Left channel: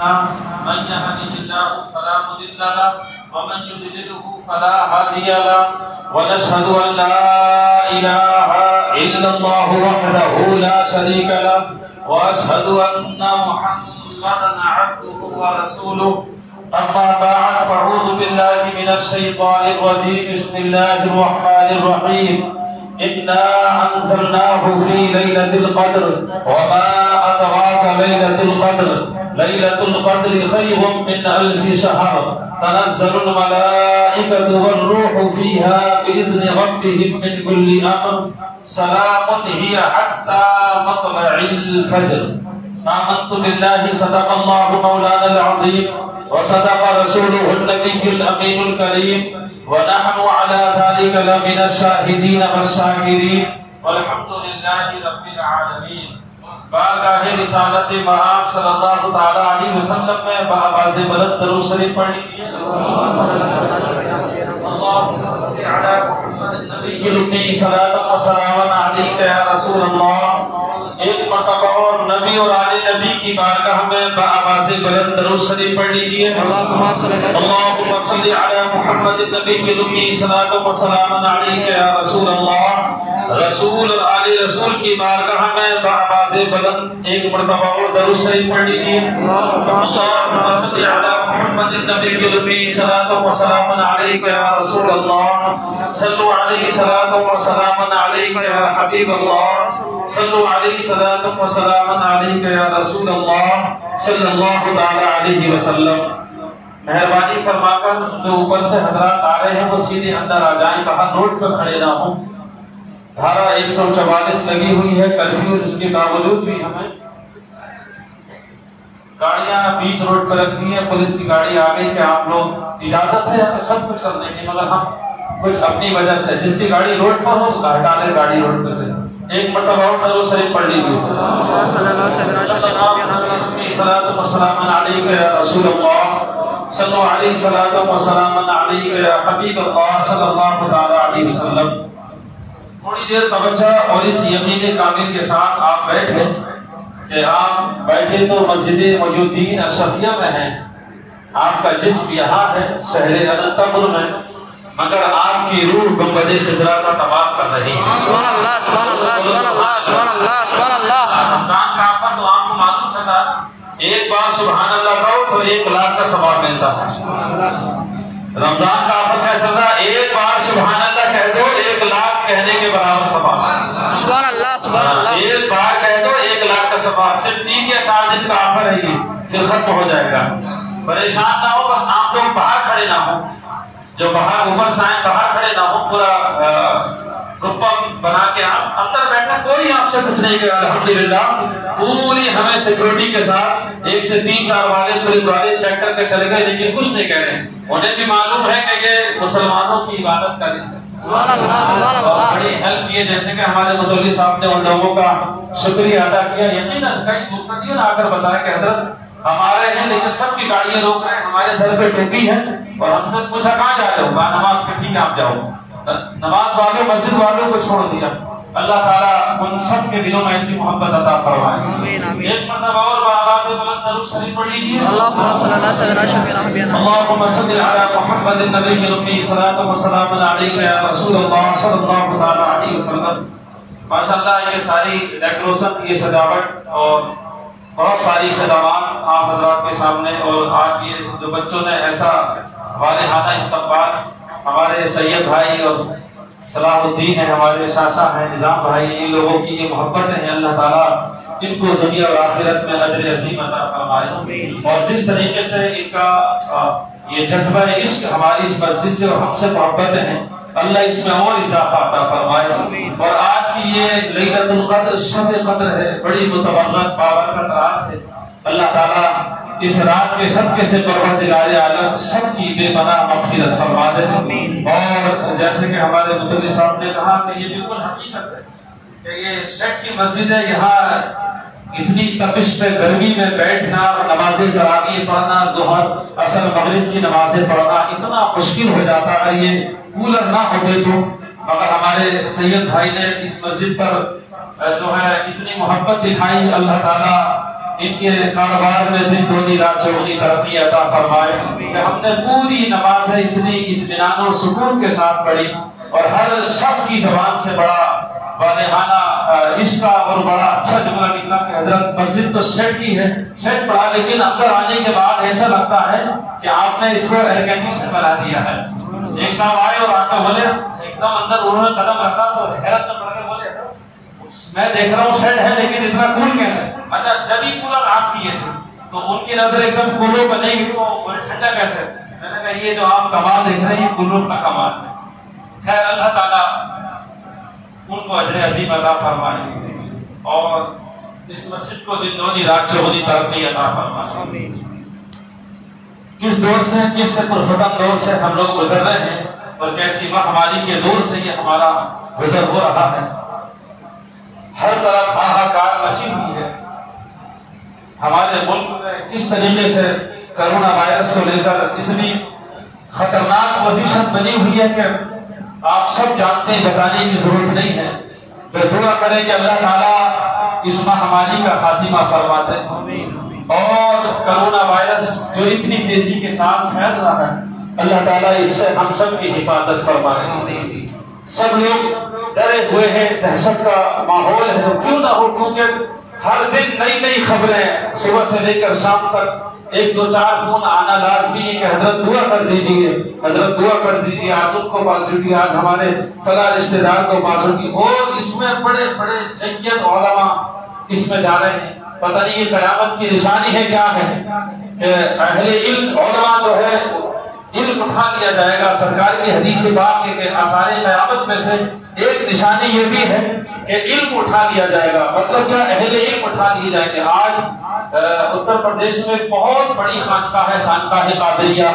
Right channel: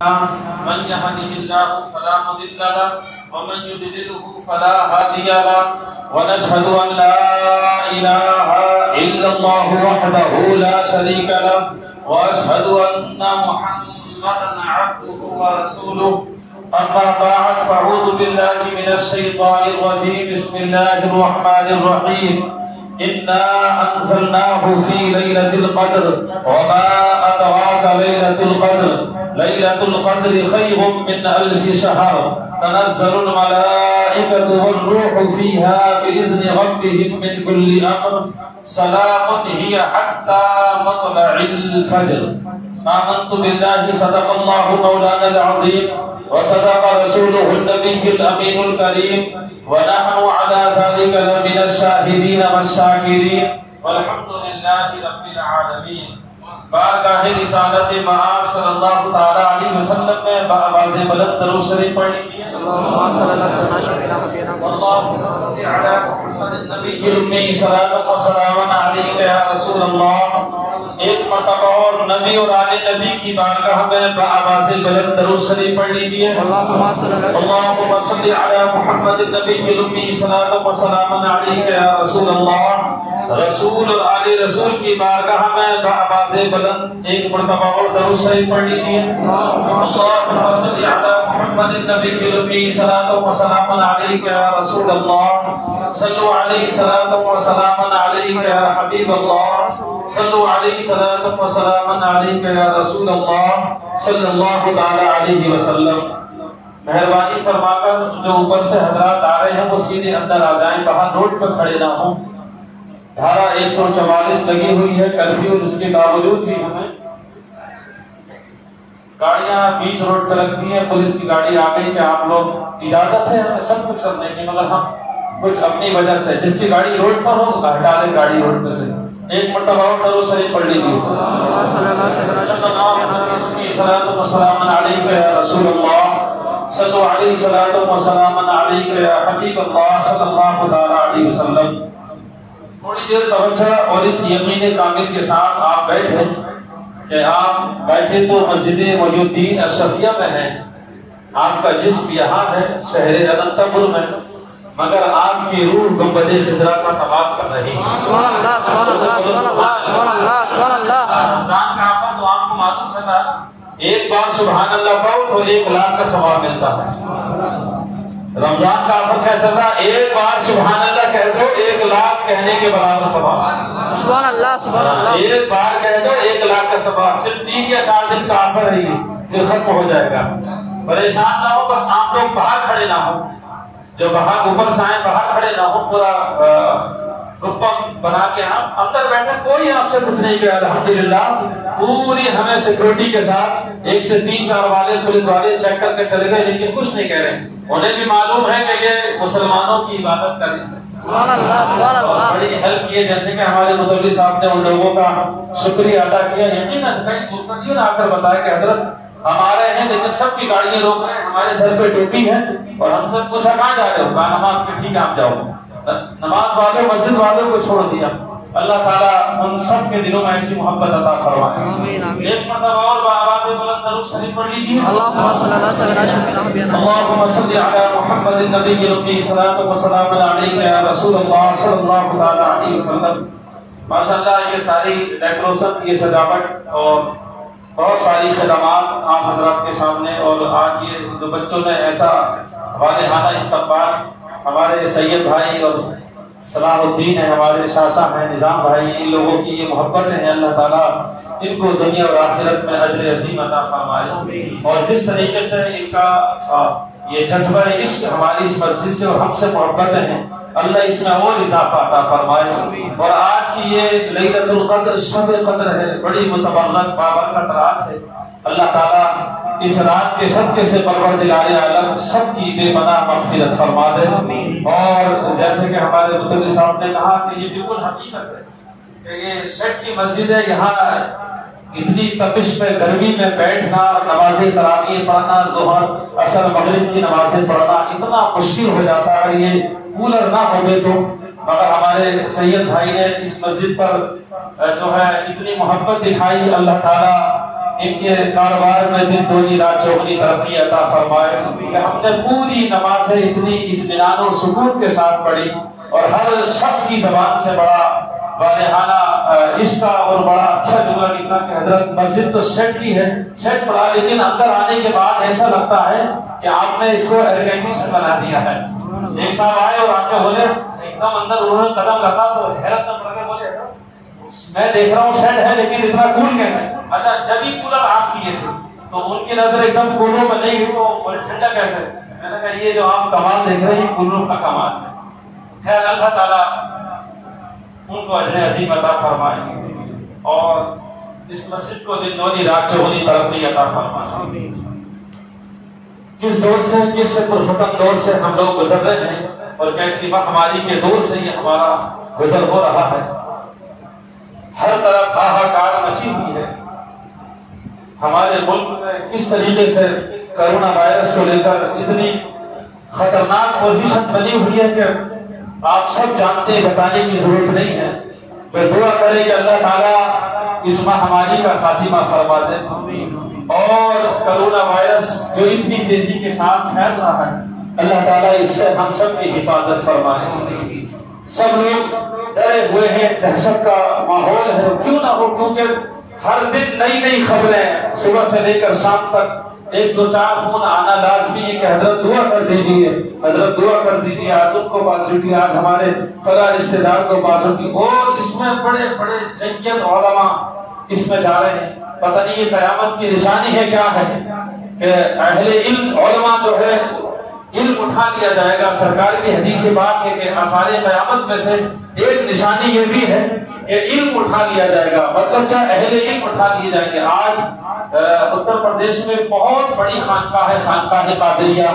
من يهده الله فلا مضل له ومن يضلله فلا هادي له ونشهد أن لا إله إلا الله وحده لا شريك له وأشهد أن محمدا عبده ورسوله أما بعد فأعوذ بالله من الشيطان الرجيم بسم الله الرحمن الرحيم إنا أنزلناه في ليلة القدر وما أدراك ليلة القدر ليلة القدر خير من 1000 شهر تنزل الملائكة والروح فيها بإذن ربهم من كل أمر سلام هي حتى مطلع الفجر آمنت بالله صدق الله مولانا العظيم وصدق رسوله النبي الأمين الكريم ونحن على ذلك لمن الشاهدين والشاكرين والحمد لله رب العالمين. بارگاہ رسالت مآب صلی اللہ تعالی علیہ وسلم میں بآواز بلند درود شریف پڑھ لیجیے. اللهم صل علی محمد النبی الأمی صلاۃ و سلام علیک یا رسول اللہ. ایک مرتبہ اور نبی اور آل نبی کی بارگاہ میں بآواز بلند درود شریف پڑھ لیجیے. اللهم صل علی محمد النبی الأمی صلاۃ و سلام علیک یا رسول اللہ. رسول اور آل رسول کی بارگاہ میں بآواز بلند ایک مرتبہ اور درود شریف پڑھ لیجیے. اللهم صل علی محمد النبی الأمی صلاۃ و سلام علیک یا رسول اللہ. صلوا علیہ صلاۃ و سلام علیک یا حبیب اللہ. صلوا علیہ صلاۃ و سلام علیک یا رسول اللہ صلی اللہ تعالی علیہ وسلم. مہربانی فرما کر جو اوپر سے حضرات آ رہے ہیں وہ سیدھے اندر آ جائیں. کہاں روڈ پہ کھڑے نہ ہوں. دھارا 144 لگی ہوئی ہے کرفیو. اس کے باوجود بھی ہمیں گاڑیاں بیچ روڈ پہ لگتی ہیں. پولیس کی گاڑی آ گئی کہ آپ لوگ اجازت ہے ہمیں سب کچھ کرنے کی مگر ہم کچھ اپنی وجہ سے جس کی گاڑی روڈ پر ہو ہٹا دیں گاڑی روڈ پہ سے. ایک مرتبہ اور درود شریف پڑھ لیجیے. صلاۃ و سلام علیک یا رسول اللہ. صلوا علیہ صلاۃ و سلام علیک یا حبیب اللہ صلی اللہ تعالی علیہ وسلم. تھوڑی دیر توجہ اور اس یقین کامل کے ساتھ آپ بیٹھے کہ آپ بیٹھے تو مسجد محی الدین اشرفیہ میں ہیں. آپ کا جسم یہاں ہے شہر اننتپور میں مگر آپ کی روح گنبد خضرا کا طواف کر رہی ہے. سبحان اللہ سبحان اللہ سبحان اللہ سبحان اللہ سبحان اللہ. رمضان کا آفر تو آپ کو معلوم چلا ایک بار سبحان اللہ کہو تو 1,00,000 کا ثواب ملتا ہے. رمضان کا آفر کیا چل رہا ایک بار سبحان اللہ کہہ دو 1,00,000 کہنے کے برابر ثواب. سبحان اللہ سبحان اللہ. ایک بار کہہ دو 1,00,000 کا ثواب. صرف 3 یا 4 دن کا آفر ہے یہ پھر ختم ہو جائے گا. پریشان نہ ہو بس آپ لوگ باہر کھڑے نہ ہو. جو باہر اوپر سے آئے باہر کھڑے نہ ہو. پورا گروپ بنا کے آپ اندر بیٹھے کوئی آپ سے کچھ نہیں کہا. الحمدللہ پوری ہمیں سیکورٹی کے ساتھ 1 سے 3-4 والے پولیس والے چیک کر کے چلے گئے لیکن کچھ نہیں کہہ رہے. انہیں بھی معلوم ہے کہ یہ مسلمانوں کی عبادت کا دن ہے. اور بڑی ہیلپ کی جیسے کہ ہمارے متولی صاحب نے ان لوگوں کا شکریہ ادا کیا. یقیناً کئی مفتیوں نے آ کر بتایا کہ حضرت ہمارے ہیں لیکن سب کی گاڑیاں روک رہے ہیں. ہمارے سر پہ ٹوپی ہے اور ہم سے پوچھا کہاں جا رہے ہو. کہا نماز کے. ٹھیک ہے آپ جاؤ. نماز والوں مسجد والوں کو چھوڑ دیا. اللہ تعالیٰ ان سب کے دلوں میں ایسی محبت عطا فرمائے. ایک مرتبہ اور بآواز بلند درود شریف پڑھ لیجیے. اللهم صل علی سیدنا محمد النبی الأمی صلاۃ و سلام علیک یا رسول اللہ صلی اللہ تعالی علیہ وسلم. ماشاءاللہ یہ ساری ڈیکوریشن یہ سجاوٹ اور بہت ساری خدمات آپ حضرات کے سامنے. اور آج یہ جو بچوں نے ایسا والہانہ استقبال ہمارے سید بھائی اور صلاح الدین ہیں ہمارے شاشا ہیں نظام بھائی ان لوگوں کی یہ محبتیں ہیں. اللہ تعالیٰ ان کو دنیا اور آخرت میں اجر عظیم عطا فرمائے. اور جس طریقے سے ان کا یہ جذبہ عشق ہماری اس مسجد سے اور ہم سے محبتیں ہیں اللہ اس میں اور اضافہ عطا فرمائے. اور آج کی یہ لیلۃ القدر شب قدر ہے. بڑی متبرک بابرکت رات ہے. اللہ تعالیٰ اس رات کے صدقے سے پروردگار عالم سب کی بے پناہ مغفرت فرما دے. اور جیسے کہ ہمارے متولی صاحب نے کہا کہ یہ بالکل حقیقت ہے کہ یہ سیٹ کی مسجد ہے. یہاں اتنی تپش میں گرمی میں بیٹھنا نمازیں تراویح پڑھنا ظہر عصر مغرب کی نمازیں پڑھنا اتنا مشکل ہو جاتا ہے یہ کولر نہ ہوتے تو. مگر ہمارے سید بھائی نے اس مسجد پر جو ہے اتنی محبت دکھائی. اللہ تعالیٰ ان کے کاروبار میں دن دگنی رات چوگنی ترقی عطا فرمائے کہ ہم نے پوری نمازیں اتنی اطمینان و سکون کے ساتھ پڑھی اور ہر شخص کی زبان سے بڑا والہانہ عشق اور بڑا اچھا جملہ نکلا کہ حضرت مسجد تو سیٹ کی ہے، سیٹ پڑا، لیکن اندر آنے کے بعد ایسا لگتا ہے کہ آپ نے اس کو ایئر کنڈیشن بنا دیا ہے۔ ایک صاحب آئے اور آ کے بولے، ایک دم اندر انہوں نے قدم رکھا تو حیرت میں پڑ کے بولے میں دیکھ رہا ہوں سیٹ ہے لیکن اتنا کول کیسے؟ اچھا جب ہی کولر آف کیے تھے تو ان کی نظر ایک دم کولر پر نہیں گئی تو بولے ٹھنڈا کیسے؟ میں نے کہا یہ جو آپ کمال دیکھ رہے ہیں کولر کا کمال ہے۔ خیر اللہ تعالیٰ ان کو اجر عظیم عطا فرمائے اور اس مسجد کو دن دگنی رات چوگنی ترقی عطا فرمائے۔ کس دور سے، کس سے پرفتن دور سے ہم لوگ گزر رہے ہیں اور کیسی مہاماری کے دور سے یہ ہمارا گزر ہو رہا ہے۔ ہر طرف ہاہاکار مچی ہوئی ہے۔ ہمارے ملک میں کس طریقے سے کرونا وائرس کو لے کر اتنی خطرناک پوزیشن بنی ہوئی ہے کہ آپ سب جانتے ہیں، بتانے کی ضرورت نہیں ہے۔ بس دعا کریں کہ اللہ تعالیٰ اس مہاماری کا خاتمہ فرما دے اور کرونا وائرس جو اتنی تیزی کے ساتھ پھیل رہا ہے اللہ تعالیٰ اس سے ہم سب کی حفاظت فرمائے۔ سب لوگ ڈرے ہوئے ہیں، دہشت کا ماحول ہے، کیوں نہ ہو، کیونکہ ہر دن نئی نئی خبریں صبح سے لے کر شام تک ایک دو چار فون آنا لازمی ہے کہ حضرت دعا کر دیجئے، حضرت دعا کر دیجئے، آج ان کو پازیٹیو، آج ہمارے فلاں رشتہ دار کو پازیٹیو، اور اس میں بڑے بڑے جنگیت علماء اس میں جا رہے ہیں۔ پتہ نہیں یہ قیامت کی نشانی ہے کیا ہے کہ اہل علم علماء جو ہے علم اٹھا لیا جائے گا۔ سرکار کی حدیث پاک ہے کہ آثار قیامت میں سے ایک نشانی یہ بھی ہے کہ علم اٹھا لیا جائے گا۔ مطلب کیا؟ اہل علم اٹھا لیے جائیں گے۔ آج اتر پردیش میں بہت بڑی خانقاہ ہے، خانقاہ قادریہ،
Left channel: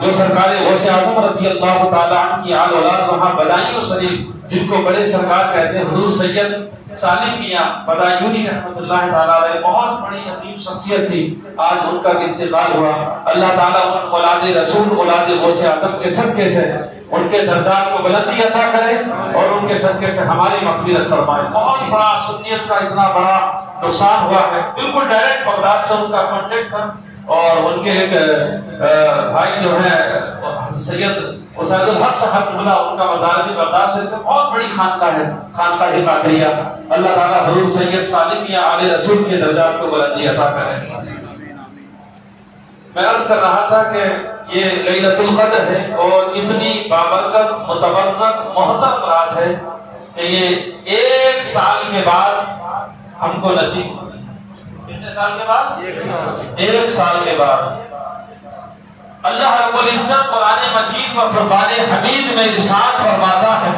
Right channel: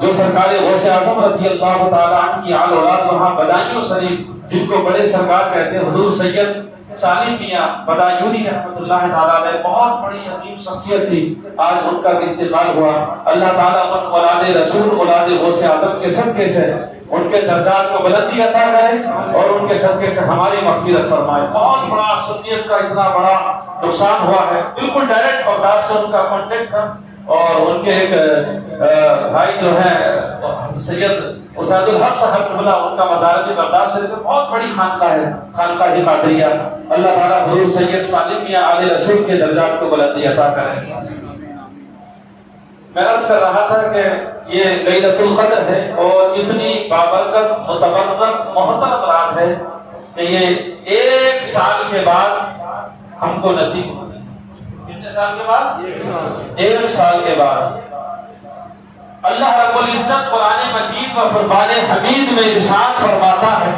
جو سرکار غوث اعظم رضی اللہ تعالیٰ عنہ کی آل اولاد وہاں بدایوں شریف، جن کو بڑے سرکار کہتے ہیں، حضور سید سالم میاں بدایونی رحمۃ اللہ تعالیٰ علیہ، بہت بڑی عظیم شخصیت تھی، آج ان کا بھی انتقال ہوا۔ اللہ تعالیٰ ان اولاد رسول، اولاد غوث اعظم کے صدقے سے ان کے درجات کو بلندی عطا کرے اور ان کے صدقے سے ہماری مغفرت فرمائے۔ بہت بڑا سنیت کا اتنا بڑا نقصان ہوا ہے، بالکل ڈائریکٹ بغداد سے ان کا کانٹیکٹ تھا، اور ان کے ایک بھائی جو ہیں سید اسعد الحق صاحب قبلہ، ان کا مزار بھی بغداد سے، بہت بڑی خانقاہ ہے، خانقاہ قادریہ۔ اللہ تعالیٰ حضور سید سالم یا آل رسول کے درجات کو بلندی عطا کرے۔ میں عرض کر رہا تھا کہ یہ لیلۃ القدر ہے اور اتنی بابرکت، متبرکت، محترم رات ہے کہ یہ ایک سال کے بعد ہم کو نصیب ہوگی۔ کتنے سال کے بعد؟ ایک سال کے بعد اللہ رب العزت قرآن مجید و فرقان حمید میں ارشاد فرماتا ہے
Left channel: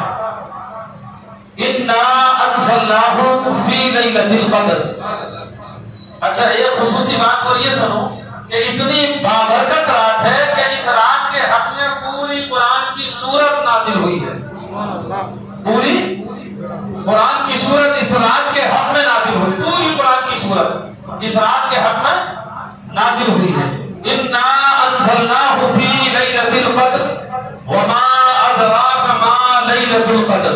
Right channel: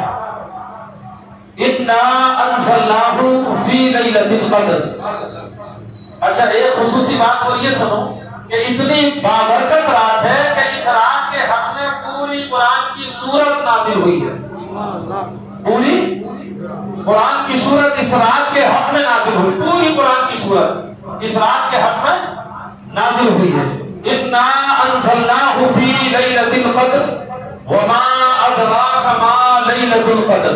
اِنَّا أَنزَلْنَاهُ فِي لَيْلَةِ الْقَدْرِ۔ اچھا ایک خصوصی بات اور یہ سنو کہ اتنی بابرکت رات ہے کہ اس رات کے حق میں پوری قرآن کی سورت نازل ہوئی ہے۔ پوری قرآن کی سورت اس رات کے حق میں نازل ہوئی، پوری قرآن کی سورت اس رات کے حق میں نازل ہوئی ہے۔ اِنَّا أَنزَلْنَاهُ فِي لَيْلَةِ الْقَدْرِ وَمَا أَدْرَاكَ مَا لَيْلَةُ الْقَدْرِ۔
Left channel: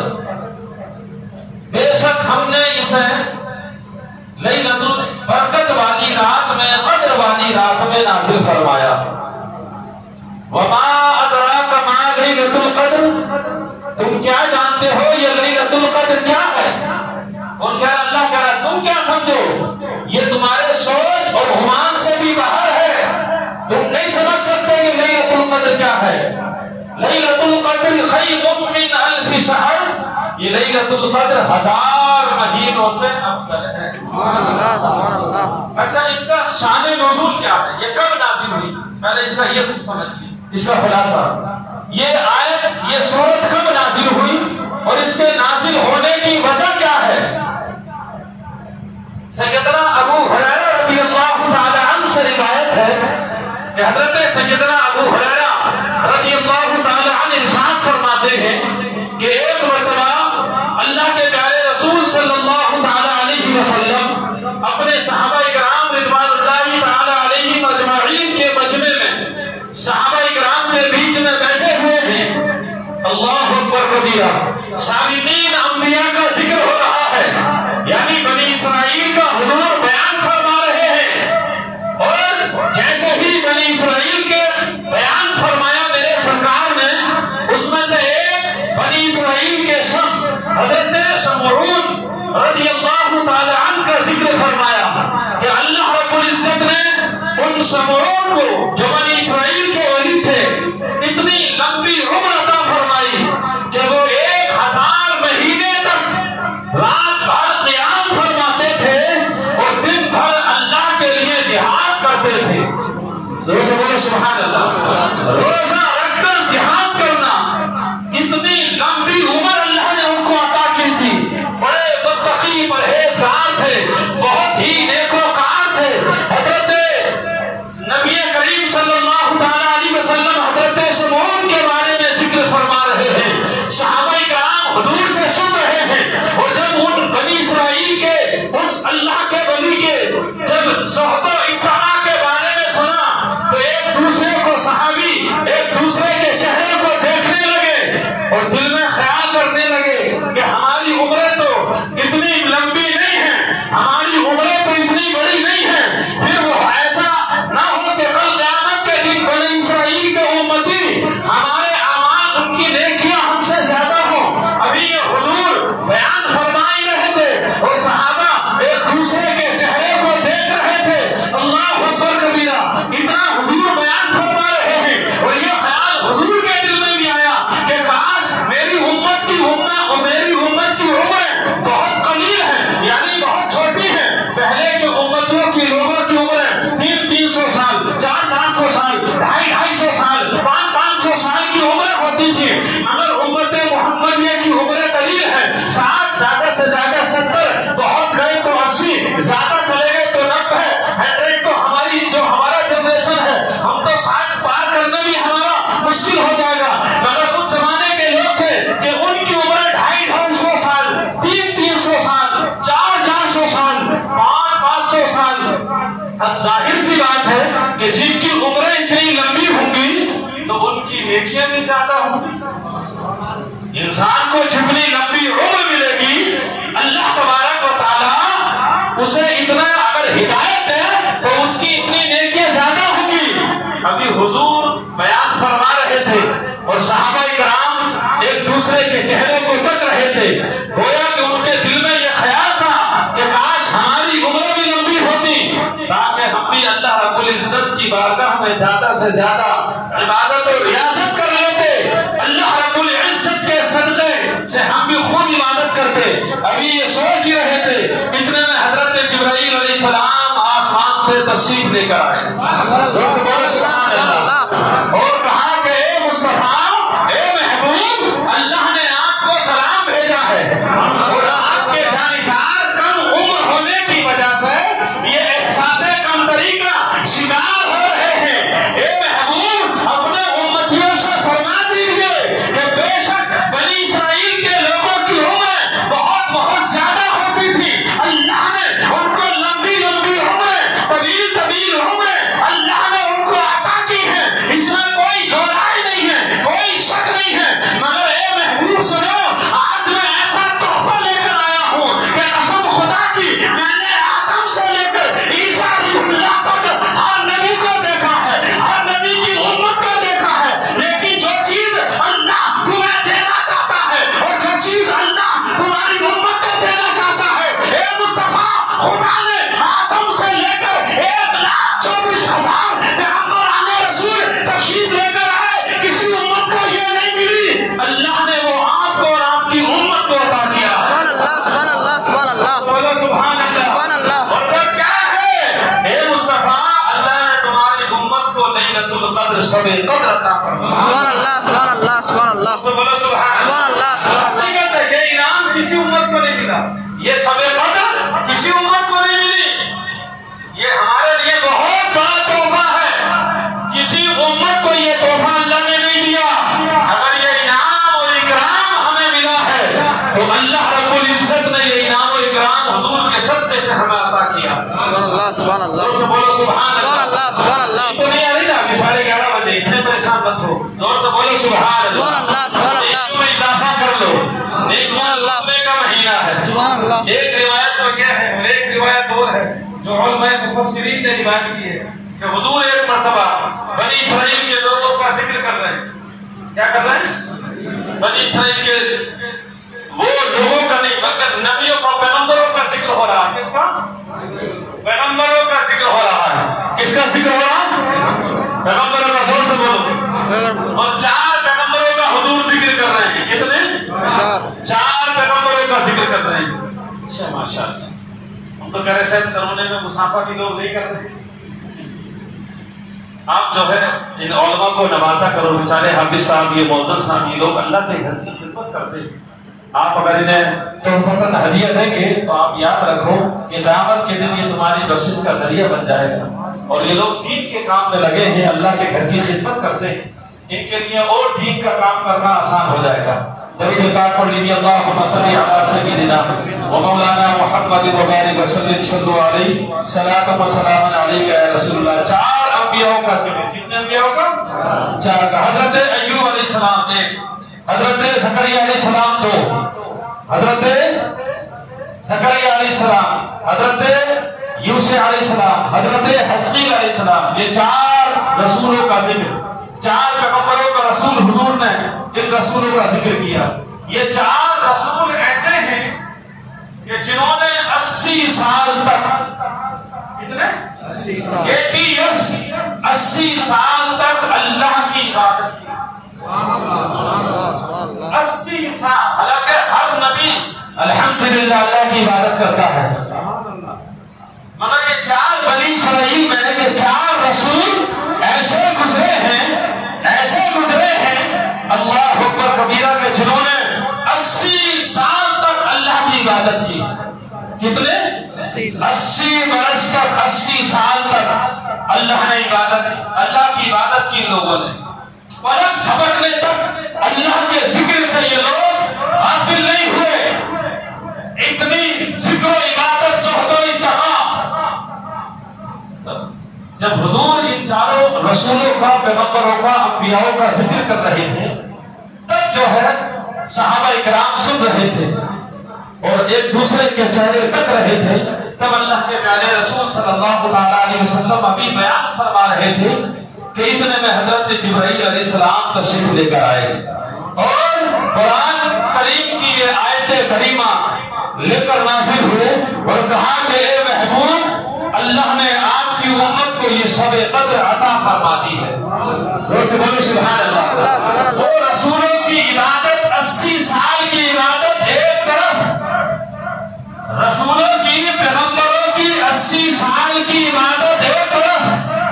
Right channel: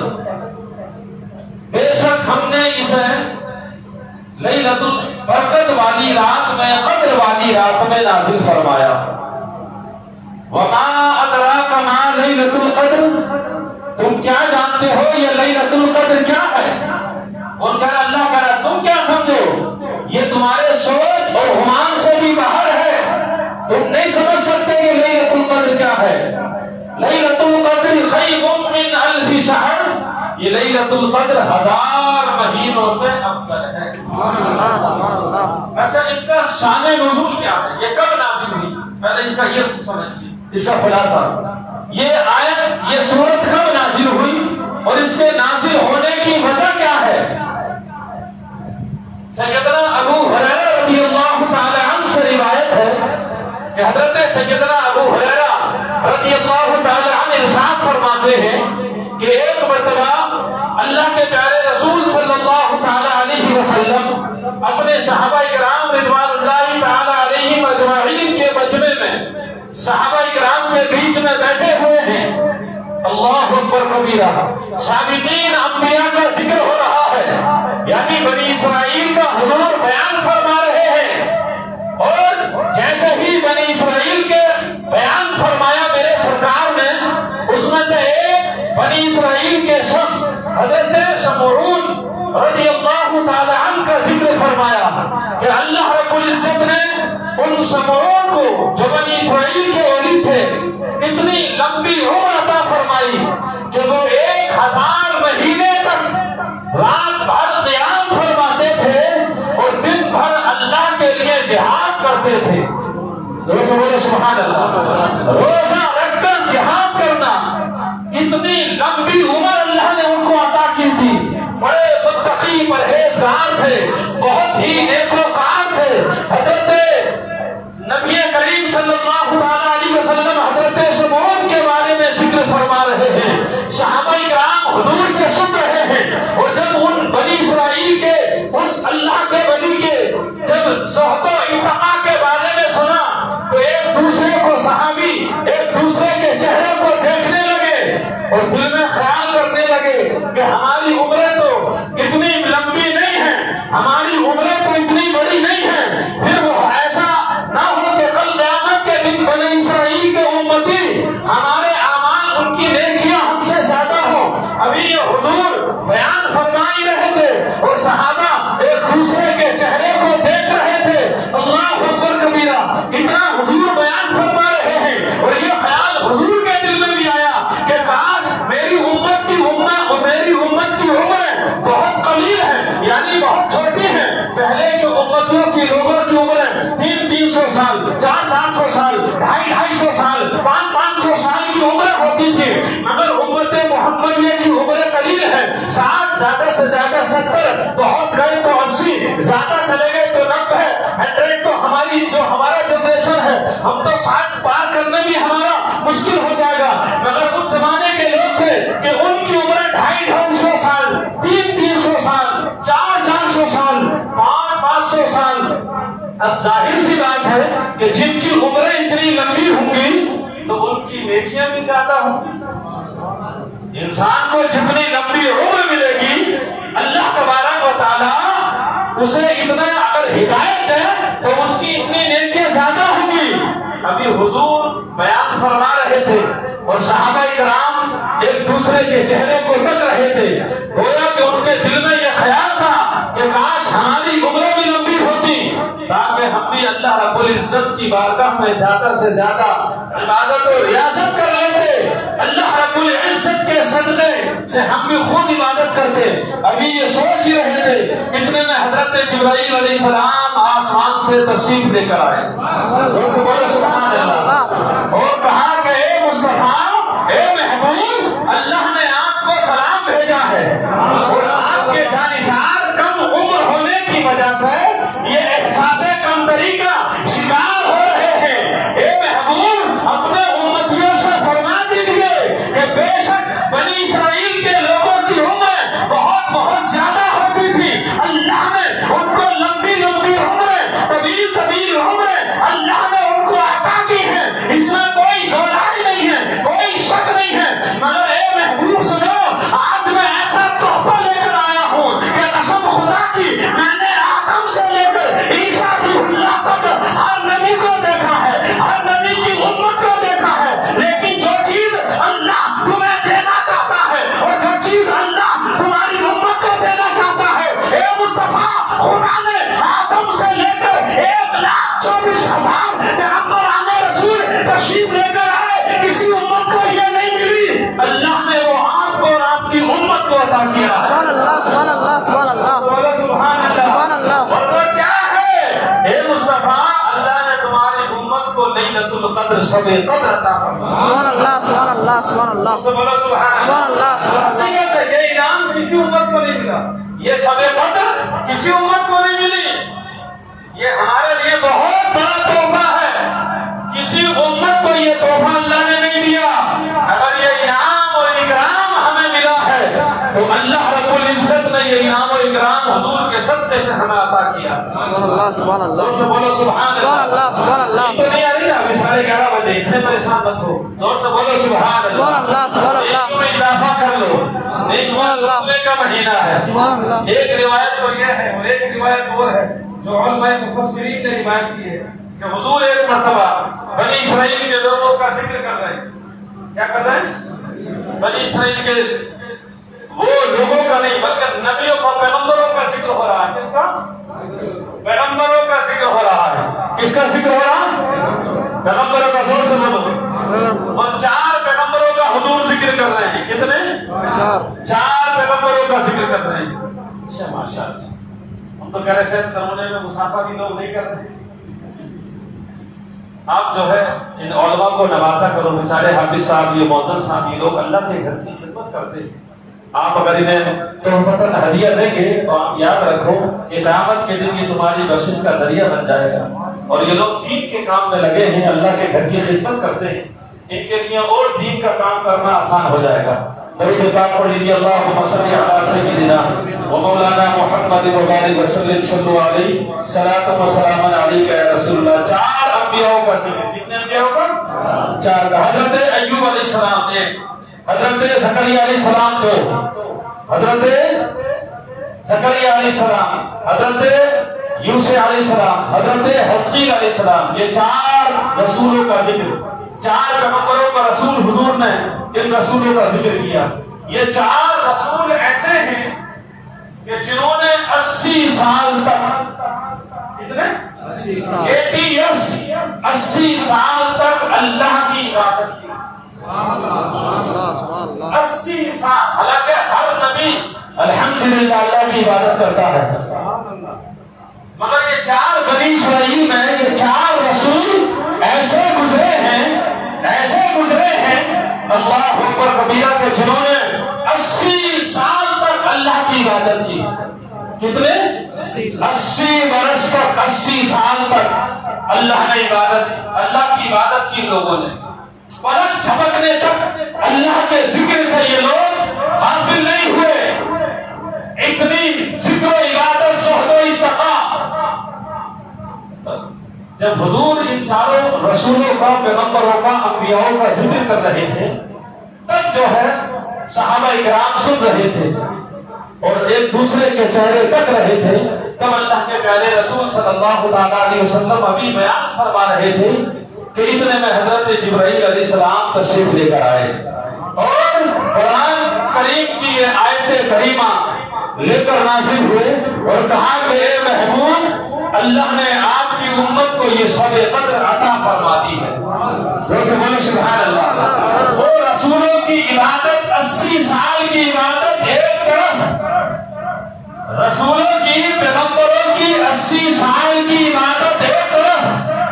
بے شک ہم نے اسے لیلۃ البرکت والی رات میں، قدر والی رات میں نازل فرمایا۔ وما ادراک ما لیلۃ القدر، تم کیا جانتے ہو یہ لیلۃ القدر کیا ہے؟ اور کیا اللہ کہہ رہا تم کیا سمجھو، یہ تمہارے سوچ اور گمان سے بھی باہر ہے، تم نہیں سمجھ سکتے کہ لیلۃ القدر کیا ہے۔ لیلۃ القدر خیر من الف شہر، یہ لیلۃ القدر 1000 مہینوں سے افضل ہے۔ اچھا اس کا شان نزول کیا ہے، یہ کب نازل ہوئی؟ پہلے اس کا یہ سمجھیے، اس کا خلاصہ، یہ آیت، یہ سورت کب نازل ہوئی اور اس کے نازل ہونے کی وجہ کیا ہے؟ سیدنا ابو ہریرہ رضی اللہ تعالی عنہ سے روایت ہے کہ حضرت سیدنا ابو ہریرہ رضی اللہ تعالی عنہ ارشاد فرماتے ہیں کہ ایک مرتبہ اللہ کے پیارے رسول صلی اللہ تعالی علیہ وسلم اپنے صحابہ کرام رضوان اللہ تعالی علیہم اجمعین کے مجمع میں صحابہ کرام کے بیچ میں بیٹھے ہوئے ہیں، اللہ اکبر کبیرہ، سابقین انبیاء کا ذکر ہو رہا ہے، یعنی بنی اسرائیل کا حضور بیان فرما رہے ہیں رضی اللہ تعالی عنہ کا ذکر فرمایا کہ اللہ رب العزت نے ان سمعون کو جو بنی اسرائیل کے ولی تھے اتنی لمبی عمر عطا فرمائی کہ وہ 1000 مہینے تک رات بھر قیام فرماتے تھے اور دن بھر اللہ کے لیے جہاد کرتے تھے. روزہ بولے سبحان اللہ. روزہ رکھ کر جہاد کرنا اتنی لمبی عمر اللہ نے ان کو عطا کی تھی. بڑے متقی پرہیزگار تھے, بہت ہی نیکوکار تھے. حضرت نبی کریم صلی اللہ تعالی علیہ وسلم حضرت سمعون کے بارے میں ذکر فرما رہے ہیں. صحابہ کرام حضور سے سن رہے ہیں اور جب ان بنی اسرائیل کے اس اللہ کے ولی کے جب زہد و اتقا کے بارے میں سنا تو ایک دوسرے کو صحابی ایک دوسرے کے چہرے کو دیکھنے لگے اور دل میں خیال کرنے لگے کہ ہماری عمریں تو اتنی لمبی نہیں ہیں, ہماری عمریں تو اتنی بڑی نہیں ہیں. پھر وہ ایسا نہ ہو کہ کل قیامت کے دن بنی اسرائیل کے امتی ہمارے اعمال ان کی نیکیاں ہم سے زیادہ ہوں. ابھی یہ حضور بیان فرما ہی رہے تھے اور صحابہ ایک دوسرے کے چہرے کو دیکھ رہے تھے. اللہ اکبر کبیرہ, اتنا حضور بیان فرما رہے ہیں اور یہ خیال حضور کے دل میں بھی آیا کہ کاش میری امت کی عمریں بہت قلیل ہیں, یعنی بہت چھوٹی ہیں. پہلے کی امتوں کی لوگوں کی عمریں 300 سال, 400 سال, 250 سال, 500 سال کی عمریں ہوتی تھی, مگر امت محمدیہ کی عمریں قلیل ہیں. 60 زیادہ سے زیادہ 70, بہت گئے تو 80, زیادہ چلے گئے تو 90, 100. تو ہماری جو ہمارا جنریشن ہے ہم تو 60 پار کرنا بھی ہمارا مشکل ہو جائے گا. مگر اس زمانے کے لوگ تھے کہ ان کی عمر 250 سال, 300 سال, 400 سال, 500 سال. اب ظاہر سی بات ہے کہ جن کی عمریں اتنی لمبی ہوں گی تو ان کی نیکیاں بھی زیادہ ہوں گی. انسان کو جتنی لمبی عمر ملے گی اللہ تبارک و تعالی اسے اتنا اگر ہدایت ہے تو اس کی اتنی نیکیاں زیادہ ہوں گی. ابھی حضور بیان فرما رہے تھے اور صحابہ کرام ایک دوسرے کے چہرے کو تک رہے تھے. گویا کہ ان کے دل میں یہ خیال تھا کہ کاش ہماری عمریں بھی لمبی ہوتی تاکہ ہم بھی اللہ رب العزت کی بارگاہ میں زیادہ سے زیادہ عبادت اور ریاضت کر لیتے. اللہ رب العزت کے صدقے سے ہم بھی خود عبادت کرتے. ابھی یہ سوچ ہی رہے تھے اتنے میں حضرت جبرائیل علیہ السلام آسمان سے تشریف لے کر آئے اور کہا کہ اے مصطفیٰ, اے محبوب, اللہ نے آپ کو سلام بھیجا ہے اور آپ کے جانثار کم عمر ہونے کی وجہ سے یہ احساس کمتری کا شکار ہو رہے ہیں. اے محبوب, اپنے امتیوں سے فرما دیجئے کہ بے شک بنی اسرائیل کے لوگوں کی عمریں بہت زیادہ ہوتی تھی. اللہ نے ان کو لمبی لمبی عمریں, طویل عمریں اللہ نے ان کو عطا کی ہیں. اس میں کوئی دو رائے نہیں ہے, کوئی شک نہیں ہے. مگر اے محبوب سنو, آج میں ایسا تحفہ لے کر آیا ہوں کہ قسم خدا کی میں نے آدم سے لے کر عیسیٰ روح اللہ تک ہر نبی کو دیکھا ہے, ہر نبی کی امت کو دیکھا ہے. لیکن جو چیز اللہ تمہیں دینا چاہتا ہے اور جو چیز اللہ تمہاری امت کو دینا چاہتا ہے, اے مصطفیٰ, خدا نے آدم سے لے کر 1,24,000 پیغمبران رسول تشریف لے کر آئے, کسی امت کو یہ نہیں ملی. اللہ نے وہ آپ کو اور آپ کی امت کو عطا کیا. سبحان اللہ, سبحان اللہ, سبحان اللہ, سبحان اللہ, سبحان اللہ. اور وہ کیا ہے, اے مصطفیٰ, اللہ نے تمہاری امت کو لیلۃ القدر شب قدر عطا فرمایا. سبحان اللہ, سبحان اللہ, سبحان اللہ, سبحان اللہ, سبحان اللہ. یہ انعام کسی امت کو نہیں ملا, یہ شب قدر کسی امت کو نہیں ملی. یہ ہمارے لیے بہت بڑا تحفہ ہے. کسی امت کو یہ تحفہ اللہ نے نہیں دیا. اگر یہ انعام اور اکرام ہمیں ملا ہے تو اللہ رب العزت نے یہ انعام اور اکرام حضور کے صدقے سے ہمیں عطا کیا. سبحان اللہ, سبحان اللہ, زور سے بولو سبحان اللہ, سبحان اللہ. تو نہیں آ رہی نا, ابھی 11:30 بجے, اتنے پریشان مت ہو. زور سے بولو سبحان سبحان اللہ, سبحان اللہ. نیکیوں میں اضافہ کر لو, نیکیوں میں کا مہینہ ہے. سبحان اللہ. ایک روایت تو یہ ہے اور ایک روایت اور ہے جو علماء مفسرین نے روایت کی ہے کہ حضور ایک مرتبہ بنی اسرائیل کے لوگوں کا ذکر کر رہے ہیں. کیا کر رہے ہیں؟ بنی اسرائیل کے وہ لوگوں کا نہیں بلکہ نبیوں کا پیغمبروں کا ذکر ہو رہا ہے. کس کا؟ پیغمبروں کا ذکر ہو رہا ہے. کس کا ذکر ہو رہا ہے؟ پیغمبروں کا. زور سے بولو. اور 4 پیغمبروں کا حضور ذکر کر رہے ہیں. کتنے؟ 4 پیغمبروں کا ذکر کر رہے ہیں. اچھا ماشاء اللہ. ہم تو کہہ رہے تھے ترمنے میں مسافہ کی لوگ نہیں کر رہے. آپ جو ہے ان علماء کو نوازا کرو. بیچارے حافظ صاحب، یہ معزز صاحب، یہ لوگ اللہ کے گھر کی خدمت کرتے ہیں. آپ اگر انہیں تحفتاً ہدیہ دیں گے تو آپ یاد رکھو کہ قیامت کے دن یہ تمہاری بخشش کا ذریعہ بن جائے گا. اور یہ لوگ دین کے کام میں لگے ہیں، اللہ کے گھر کی خدمت کرتے ہیں. ان کے لیے اور دین کا کام کرنا آسان ہو جائے گا. درود پاک پڑھ لیجیے. اللہم صلی علی سیدنا و مولانا محمد و بارک وسلم. صلو علیہ صلاۃ و سلام علیک یا رسول اللہ. 4 انبیاء کا ذکر. کتنے انبیاء کا؟ 4 کا. حضرت ایوب علیہ السلام نے، حضرت زکریا علیہ السلام تو، حضرت زکریا علیہ السلام، حضرت یوسف علیہ السلام، حضرت حزقیل علیہ السلام، یہ 4 رسولوں کا ذکر. 4 پیغمبروں کا رسول حضور نے ان رسولوں کا ذکر کیا. یہ 4 رسول ایسے ہیں کہ جنہوں نے 80 سال تک، کتنے؟ 80 ایئرس، 80 سال تک اللہ کی عبادت کی. 80 سال. حالانکہ ہر نبی الحمدللہ اللہ کی عبادت کرتا ہے، مگر یہ 4 بنی اسرائیل میں یہ 4 رسول ایسے گزرے ہیں، ایسے گزرے ہیں اللہ اکبر کبیرہ کے، جنہوں نے 80 سال تک اللہ کی عبادت کی. کتنے؟ 80 برس تک، 80 سال تک اللہ نے عبادت کی. اللہ کی عبادت کی لوگوں نے. پلک جھپکنے تک اللہ کے ذکر سے یہ لوگ غافل نہیں ہوئے. اتنی ذکر و عبادت، زہد و اتقا. جب حضور ان 4 رسولوں کا، پیغمبروں کا، انبیاء کا ذکر کر رہے تھے، تب جو ہے صحابہ اکرام سن رہے تھے اور ایک دوسرے کے چہرے تک رہے تھے. تب اللہ کے پیارے رسول صلی اللہ علیہ وسلم ابھی بیان فرما رہے تھے کہ اتنے میں حضرت جبرائیل علیہ السلام تشریف لے کر آئے اور قرآن کریم کی یہ آیت کریمہ لے کر نازل ہوئے اور کہا کہ اے محبوب، اللہ نے آپ کی امت کو یہ شب قدر عطا فرما دی ہے. سبحان اللہ. وہ رسولوں کی عبادت، 80 سال کی عبادت ایک طرف، رسولوں کی، پیغمبروں کی 80 سال کی عبادت ایک طرف.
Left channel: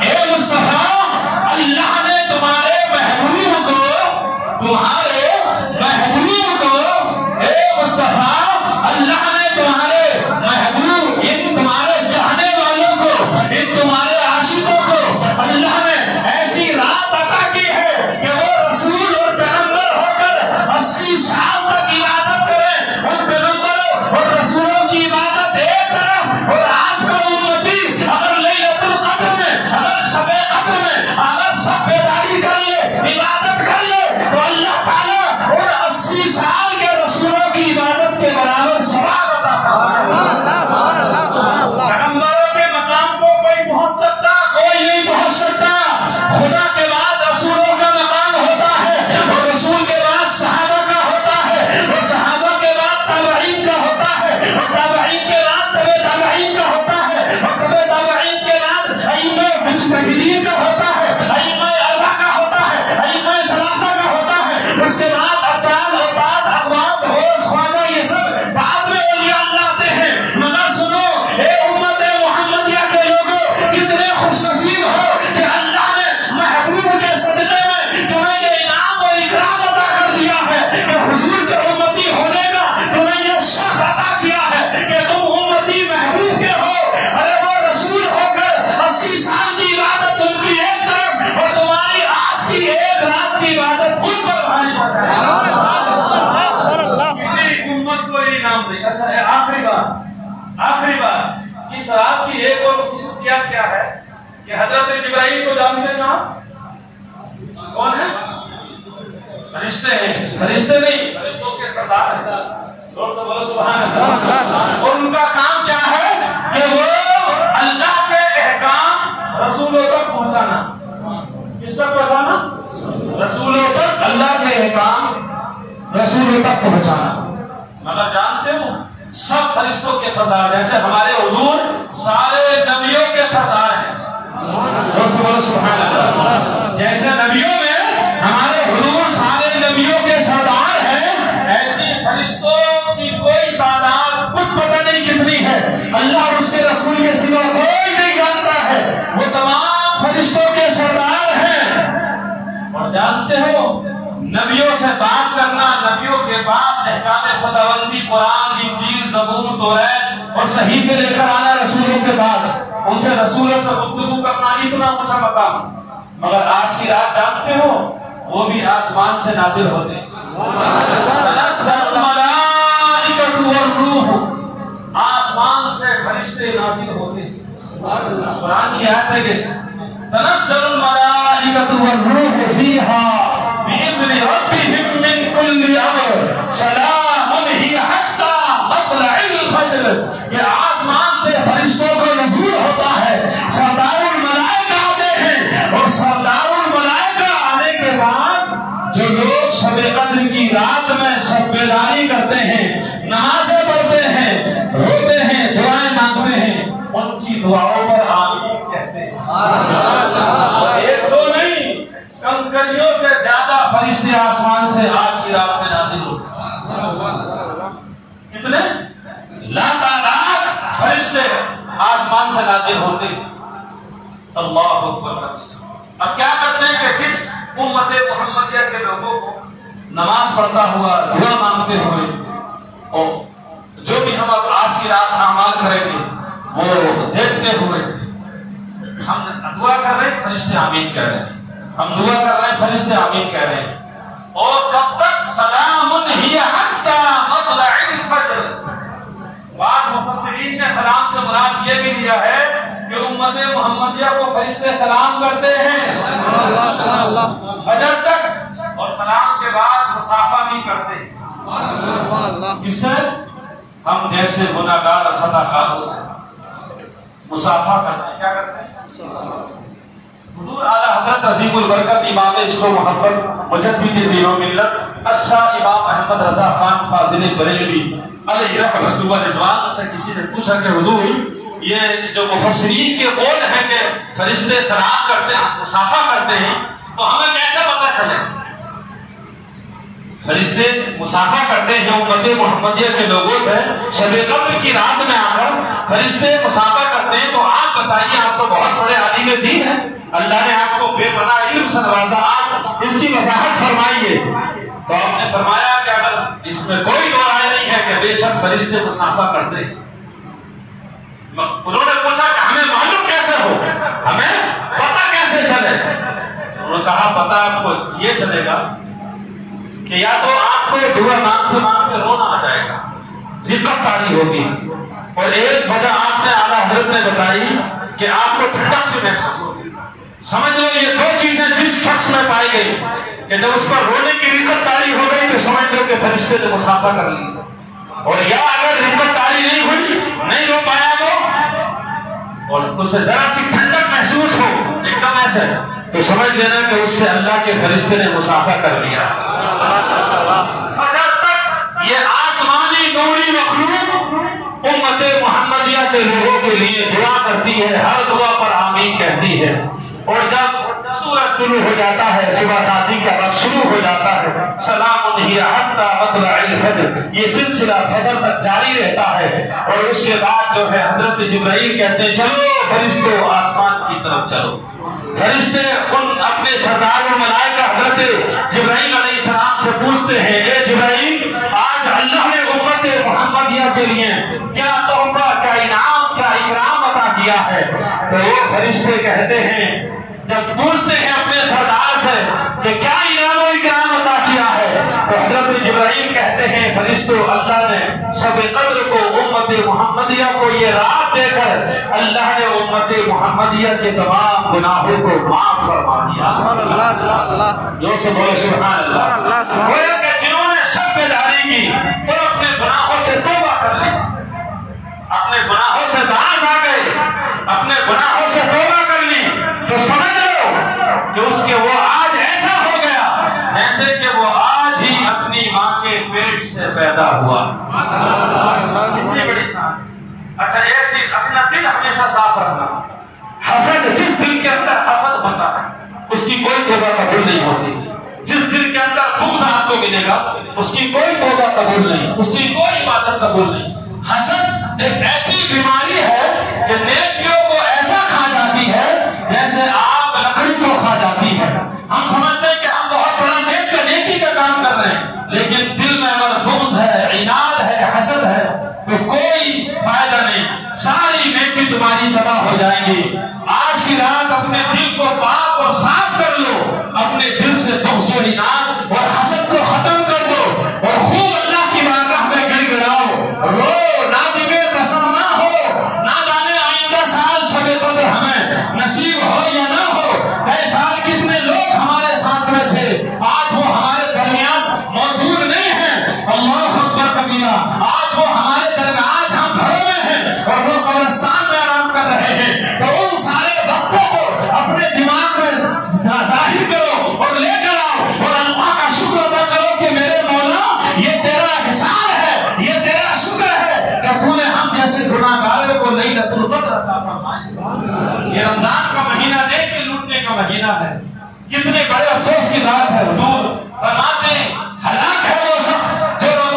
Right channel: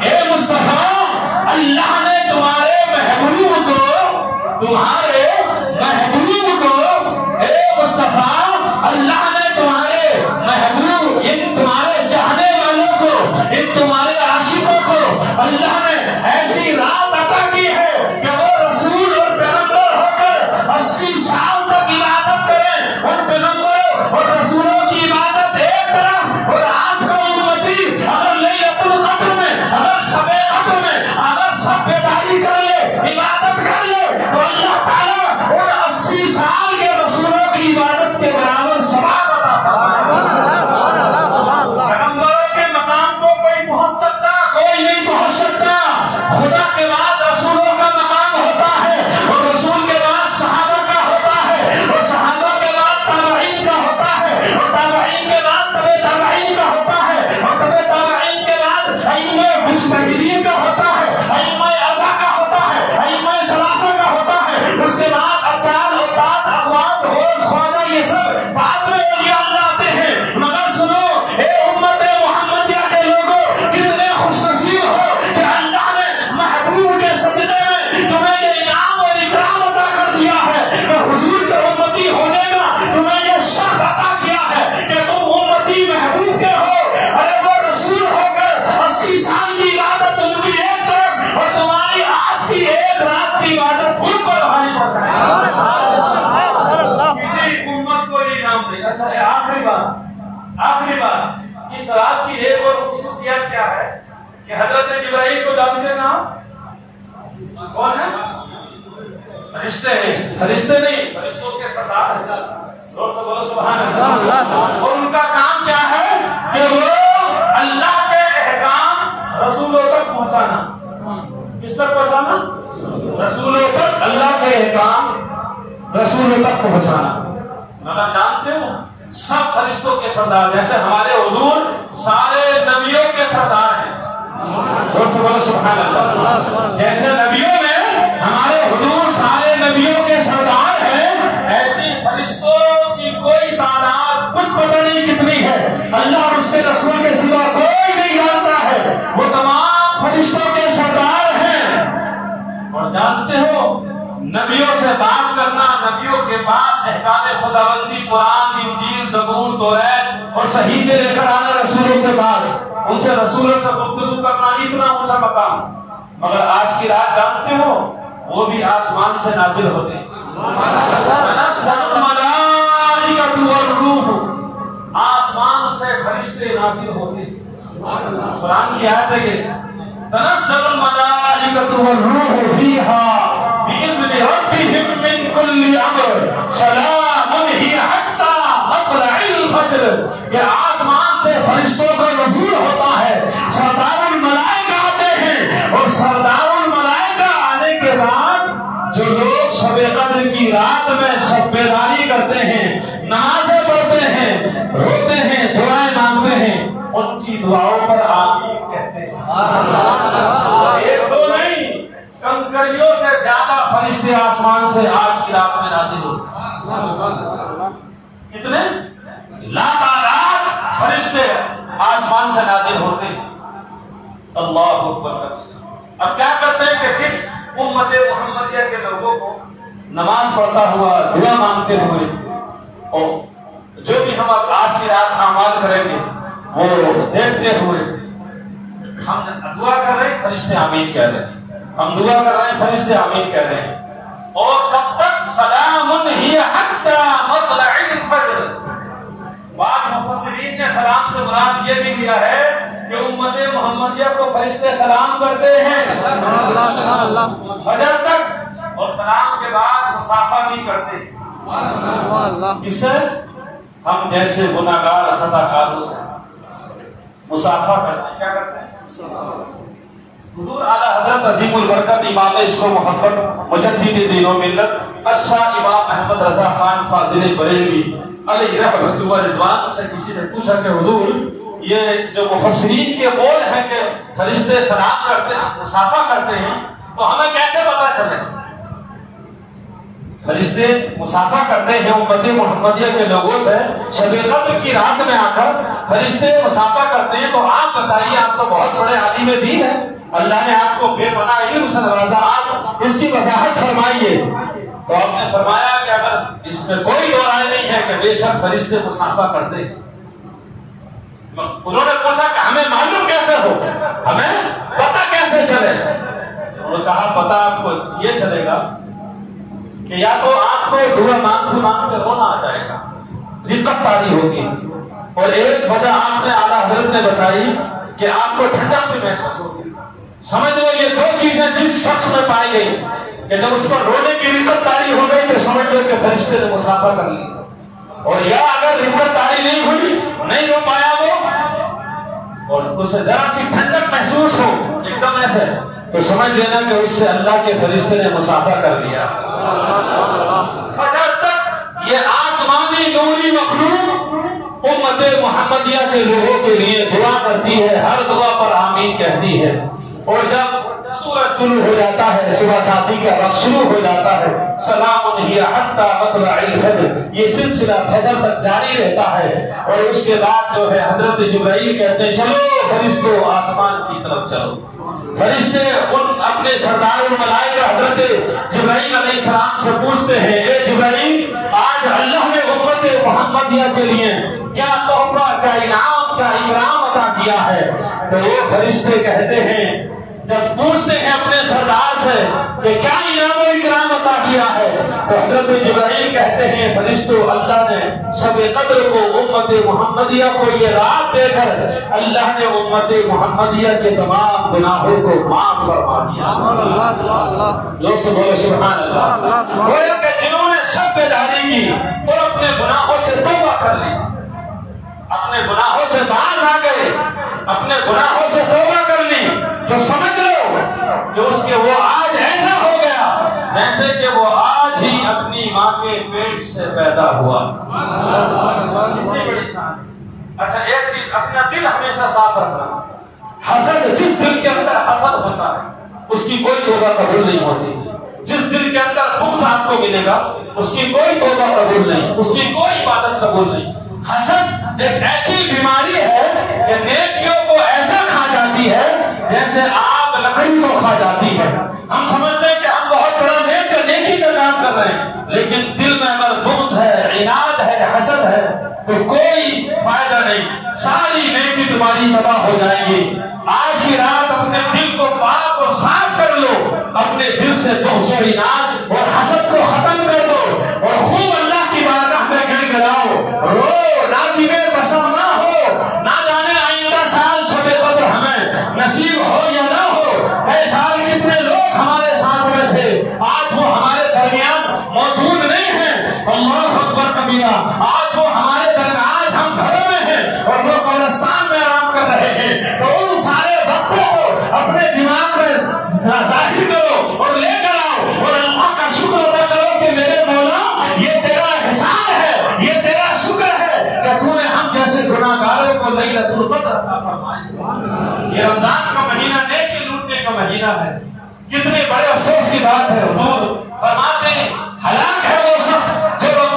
اے مصطفیٰ، اللہ نے تمہارے محبوب کو، تمہارے محبوب کو، اے مصطفیٰ، اللہ نے تمہارے محبوب، ان تمہارے چاہنے والوں کو، ان تمہارے عاشقوں کو اللہ نے ایسی رات عطا کی ہے کہ وہ رسول اور پیغمبر ہو کر 80 سال تک عبادت کریں. ان پیغمبروں اور رسولوں کی عبادت ایک طرف، اور آپ کا امتی اگر لیلۃ القدر میں، اگر شب قدر میں اگر سب بیداری کر لے، عبادت کر لے، تو اللہ تعالیٰ ان 80 سال کے رسولوں کی عبادت کے برابر ثواب عطا فرمائے. پیغمبروں کے مقام کو کوئی پہنچ سکتا؟ کوئی نہیں پہنچ سکتا. خدا کے بعد رسولوں کا مقام ہوتا ہے، اور رسول کے بعد صحابہ کا ہوتا ہے، اور صحابہ کے بعد تابعین کا ہوتا ہے، اور تابعین کے بعد تبع تابعین کا ہوتا ہے، اور تبع تابعین کے بعد ائمہ مجتہدین کا ہوتا ہے، ائمہ اربعہ کا ہوتا ہے، ائمہ ثلاثہ کا ہوتا ہے. اس کے بعد ابدال، اوتاد، اقوام، غوث، خواجہ، یہ سب بعد میں اولیاء اللہ آتے ہیں. مگر سنو اے امت محمدیہ کے لوگوں، کتنے خوش نصیب ہو کہ اللہ نے محبوب کے صدقے میں تمہیں یہ انعام اور اکرام عطا کر دیا ہے کہ حضور کے امتی ہونے کا تمہیں یہ شرف عطا کیا ہے کہ تم امتی محبوب کے ہو. ارے وہ رسول ہو کر 80 سال کی عبادت ان کی ایک طرف، اور تمہاری آج کی ایک رات کی عبادت ان پر بھاری پڑتا ہے. کسی امت کو یہ نام دے. اچھا، آخری بات اس رات کی ایک اور خصوصیت کیا ہے کہ حضرت جبرائیل کو جانتے نا کون ہے؟ فرشتے ہیں. فرشتے نہیں، فرشتوں کے سردار ہیں. لوگ سب بولو سبحان اللہ. اور ان کا کام کیا ہے کہ وہ اللہ کے احکام رسولوں تک پہنچانا. کس تک پہنچانا؟ رسولوں تک. اللہ کے احکام رسولوں تک پہنچانا. فرشتوں کے سردار، جیسے ہمارے حضور سارے نبیوں کے سردار ہیں۔ سبحان اللہ۔ جیسے نبیوں میں ہمارے حضور سارے نبیوں کے سردار ہیں، ایسی فرشتوں کی کوئی تعداد کچھ پتہ نہیں کتنی ہے، اللہ اور اس کے رسول کے سوا کوئی نہیں جانتا ہے، وہ تمام فرشتوں کے سردار ہیں۔ اور جانتے ہو نبیوں سے بات کرنا، نبیوں کے پاس احکام خداوندی قرآن، انجیل، زبور، توریت اور صحیفے لے کر آنا رسولوں کے پاس، ان سے رسولوں سے گفتگو کرنا اتنا اونچا مقام، مگر آج کی رات جانتے ہو وہ بھی آسمان سے نازل ہوتے ہیں۔ تنزل الملائکۃ والروح، آسمان سے فرشتے نازل ہوتے ہیں۔ قرآن کی آیت ہے کہ تنزل الملائکۃ والروح فیہا بِإِذْنِ رَبِّهِمْ مِنْ كُلِّ أَمْرٍ سَلَامٌ هِيَ حَتَّى مَطْلَعِ الْفَجْرِ، کہ آسمان سے فرشتوں کا نزول ہوتا ہے، سردار الملائکہ آتے ہیں، اور سردار الملائکہ آنے کے بعد جو لوگ شب قدر کی رات میں شب بیداری کرتے ہیں، نمازیں پڑھتے ہیں، روتے ہیں، دعائیں مانگتے ہیں، ان کی دعاؤں پر آمین کہتے ہیں۔ ایک دو نہیں، کنکریوں سے زیادہ فرشتے آسمان سے آج کی رات میں نازل ہوتے ہیں۔ کتنے؟ لا تعداد فرشتے آسمان سے نازل ہوتے ہیں۔ اللہ اکبر۔ اب کیا کرتے ہیں کہ جس امت محمدیہ کے لوگوں کو نماز پڑھتا ہوا، دعا مانگتے ہوئے، اور جو بھی ہم آج کی رات اعمال کریں گے وہ دیکھتے ہوئے، ہم دعا کر رہے ہیں، فرشتے آمین کہہ رہے ہیں، ہم دعا کر رہے ہیں، فرشتے آمین کہہ رہے ہیں، اور کب تک؟ سلام ہی حتی مطلع الفجر۔ بعض مفسرین نے سلام سے مراد یہ بھی لیا ہے کہ امت محمدیہ کو فرشتے سلام کرتے ہیں فجر تک، اور سلام کے بعد مصافحہ بھی کرتے ہیں۔ اس سے ہم جیسے گناہگار خطا کاروں سے مصافحہ کرتے ہیں، کیا کرتے ہیں؟ حضور اعلیٰ حضرت عظیم البرکت امام عشق و محبت مجدد دین و ملت اشاہ امام احمد رضا خان فاضل بریلوی علیہ رحمۃ و رضوان سے کسی نے پوچھا کہ حضور یہ جو مفسرین کے قول ہیں کہ فرشتے سلام کرتے ہیں، مصافحہ کرتے ہیں، تو ہمیں کیسے پتہ چلے؟ فرشتے مصافحہ کرتے ہیں امت محمدیہ کے لوگوں سے، شب قدر کی رات میں آ کر فرشتے مصافحہ کرتے ہیں، تو آپ بتائیے، آپ تو بہت بڑے عالم دین ہیں، اللہ نے آپ کو بے پناہ علم سے نوازا، آپ اس کی وضاحت فرمائیے۔ تو آپ نے فرمایا کہ اگر اس میں کوئی دو رائے نہیں ہے کہ بے شک فرشتے مصافحہ کرتے ہیں۔ انہوں نے پوچھا کہ ہمیں معلوم کیسے ہو، ہمیں پتہ کیسے چلے؟ انہوں نے کہا پتہ آپ کو یہ چلے گا کہ یا تو آپ کو دعا مانگتے مانگتے رونا آ جائے گا، رقت طاری ہوگی، اور ایک وجہ آپ نے اعلیٰ حضرت نے بتائی کہ آپ کو ٹھنڈک سے محسوس ہوگی۔ سمجھ لو یہ دو چیزیں جس شخص میں پائی گئی کہ جب اس پر رونے کی رقت طاری ہو گئی تو سمجھ لو کہ فرشتے نے مصافحہ کر لی، اور یا اگر رقت طاری نہیں ہوئی، نہیں رو پایا وہ، اور اسے ذرا سی ٹھنڈک محسوس ہو ایک دم ایسے، تو سمجھ لینا کہ اس سے اللہ کے فرشتے نے مصافحہ کر لیا۔ فجر تک یہ آسمانی نوری مخلوق امت محمدیہ کے لوگوں کے لیے دعا کرتی ہے، ہر دعا پر آمین کہتی ہے، اور جب سورج طلوع ہو جاتا ہے، صبح شادی کا وقت شروع ہو جاتا ہے، سلام ہی حتی مطلع الفجر، یہ سلسلہ فجر تک جاری رہتا ہے، اور اس کے بعد جو ہے حضرت جبرائیل کہتے ہیں چلو فرشتوں آسمان کی طرف چلو۔ فرشتے ان اپنے سردار الملائکہ حضرت جبرائیل علیہ السلام سے پوچھتے ہیں، اے جبرائیل آج اللہ نے امت محمدیہ کے لیے کیا تحفہ، کیا انعام، کیا اکرام عطا کیا ہے؟ تو وہ فرشتے کہتے ہیں، جب پوچھتے ہیں اپنے سردار سے کہ کیا انعام و اکرام عطا کیا ہے، تو حضرت جبرائیل کہتے ہیں فرشتوں اللہ نے شب قدر کو امت محمدیہ کو یہ رات دے کر اللہ نے امت محمدیہ کے تمام گناہوں کو معاف فرما دیا۔ لوگ سے بولے سبحان اللہ۔ گویا کہ جنہوں نے شب بیداری کی اور اپنے گناہوں سے توبہ کر لی، اپنے گناہوں سے باز آ گئے، اپنے گناہوں سے توبہ کر لی، تو سمجھ لو کہ اس کے وہ آج ایسا ہو گیا جیسے کہ وہ آج ہی اپنی ماں کے پیٹ سے پیدا ہوا. کتنی بڑی شان. اچھا ایک چیز، اپنا دل ہمیشہ صاف رکھنا. حسد، جس دل کے اندر حسد ہوتا ہے اس کی کوئی توبہ قبول نہیں ہوتی. جس دل کے اندر بغض آپ کو ملے گا اس کی کوئی توبہ قبول نہیں، اس کی کوئی عبادت قبول نہیں. حسد ایک ایسی بیماری ہے کہ نیکیوں کو ایسا کھا جاتی ہے جیسے آگ لکڑی کو کھا جاتی ہے. ہم سمجھتے ہیں کہ ہم بہت بڑا نیکی کا کام کر رہے ہیں، لیکن دل میں اگر بغض ہے، عناد ہے، حسد ہے تو کوئی فائدہ نہیں. ساری نیکی تمہاری تباہ ہو جائیں گی. آج کی رات اپنے دل کو پاک اور صاف کر لو. اپنے دل سے بغض و عناد اور حسد کو ختم کر دو اور خوب اللہ کی بارگاہ میں گڑ گڑاؤ، رو. نادمِ قسم نہ ہو، نہ جانے آئندہ سال شب قدر ہمیں نصیب ہو یا نہ ہو. اے سال کتنے لوگ ہمارے ساتھ میں تھے، آج وہ ہمارے درمیان موجود نہیں ہیں. اللہ اکبر کبیرہ. آج وہ ہمارے درمیان، آج ہم گھروں میں ہیں اور وہ قبرستان میں آرام کر رہے ہیں. تو ان سارے وقتوں کو اپنے دماغ میں ظاہر کرو اور لے کر آؤ اور اللہ کا شکر ادا کرو کہ میرے مولا یہ تیرا احسان ہے، یہ تیرا شکر ہے کہ تو نے ہم جیسے گناہگاروں کو لیلۃ القدر عطا فرمائی. یہ رمضان کا مہینہ نیکی لوٹنے کا مہینہ ہے. کتنے بڑے افسوس کی بات ہے، حضور فرماتے ہیں ہلاک ہے وہ شخص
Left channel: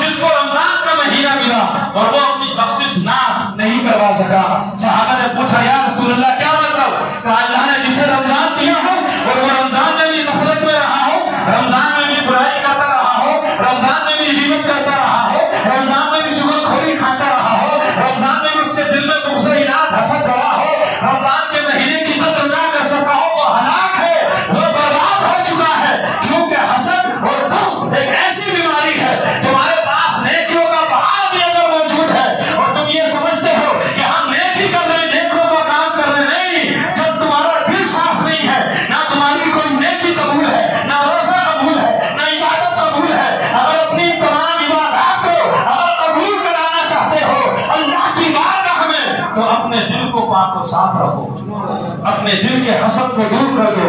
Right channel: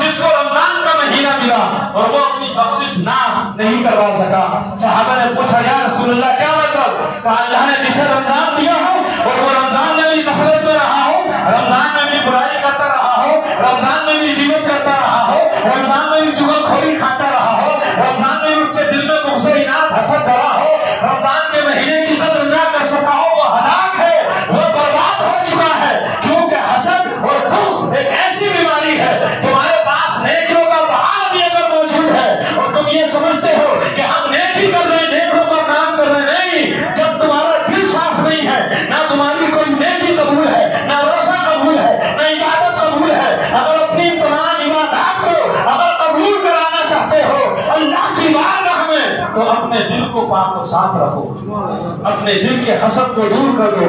جس کو رمضان کا مہینہ ملا اور وہ اپنی بخشش نہیں کروا سکا. صحابہ نے پوچھا یا رسول اللہ کیا مطلب؟ کہا اللہ نے جسے رمضان دیا ہو اور وہ رمضان میں بھی نفرت میں رہا ہو، رمضان میں بھی برائی کرتا رہا ہو، رمضان میں بھی غیبت کرتا رہا ہو، رمضان میں بھی چغل خوری کھاتا رہا ہو، رمضان میں بھی اس کے دل میں بغض و عناد حسد بھرا ہو، رمضان کے مہینے کی قدر نہ کر سکا ہو، وہ ہلاک ہے، وہ برباد ہو چکا ہے. کیونکہ حسد اور بغض ایک ایسی بیماری ہے. تمہارے پاس نیکیوں کا پہاڑ بھی اگر موجود ہے اور تم یہ سمجھتے ہو کہ ہم نیکی کر رہے ہیں، نیکیوں کا کام کر رہے نہیں، جب تمہارا دل صاف نہیں ہے، نہ تمہاری کوئی نیکی قبول ہے، نہ روزہ قبول ہے، نہ عبادت قبول ہے. اگر اپنی تمام عبادات کو اگر قبول کرانا چاہتے ہو اللہ کی بارگاہ میں تو اپنے دل کو پاک و صاف رکھو، اپنے دل کے حسد کو دور کر دو.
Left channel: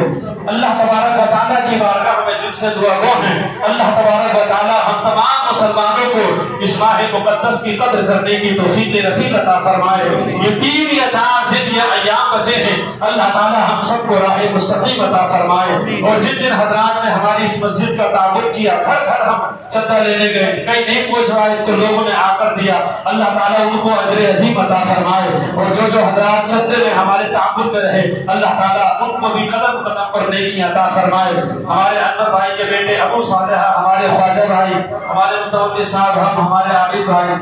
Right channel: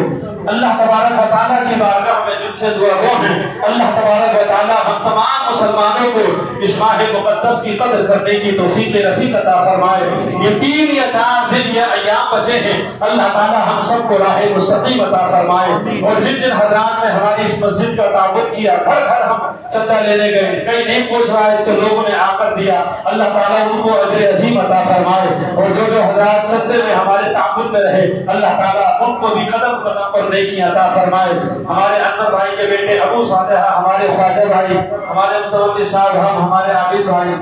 اللہ تبارک و تعالیٰ کی بارگاہ میں دل سے دعا گو ہیں. اللہ تبارک و تعالیٰ ہم تمام مسلمانوں کو اس ماہ مقدس کی قدر کرنے کی توفیق رفیق عطا فرمائے. یہ 3 یا 4 دن یا ایام بچے ہیں، اللہ تعالیٰ ہم سب کو راہ مستقیم عطا فرمائے. اور جن دن حضرات نے ہماری اس مسجد کا تعاون کیا، گھر گھر ہم چندہ لینے گئے، کہیں نہیں پہنچ رہا ہے تو لوگوں نے آ کر دیا، اللہ تعالیٰ ان کو اجر عظیم عطا فرمائے. اور جو حضرات چندے میں ہمارے تعاون میں رہے، اللہ تعالیٰ ان کو بھی قدم قدم پر نیکی عطا فرمائے. ہمارے انور بھائی کے بیٹے ابو صالح، ہمارے خواجہ بھائی، ہمارے متولی صاحب، ہمارے عابد بھائی،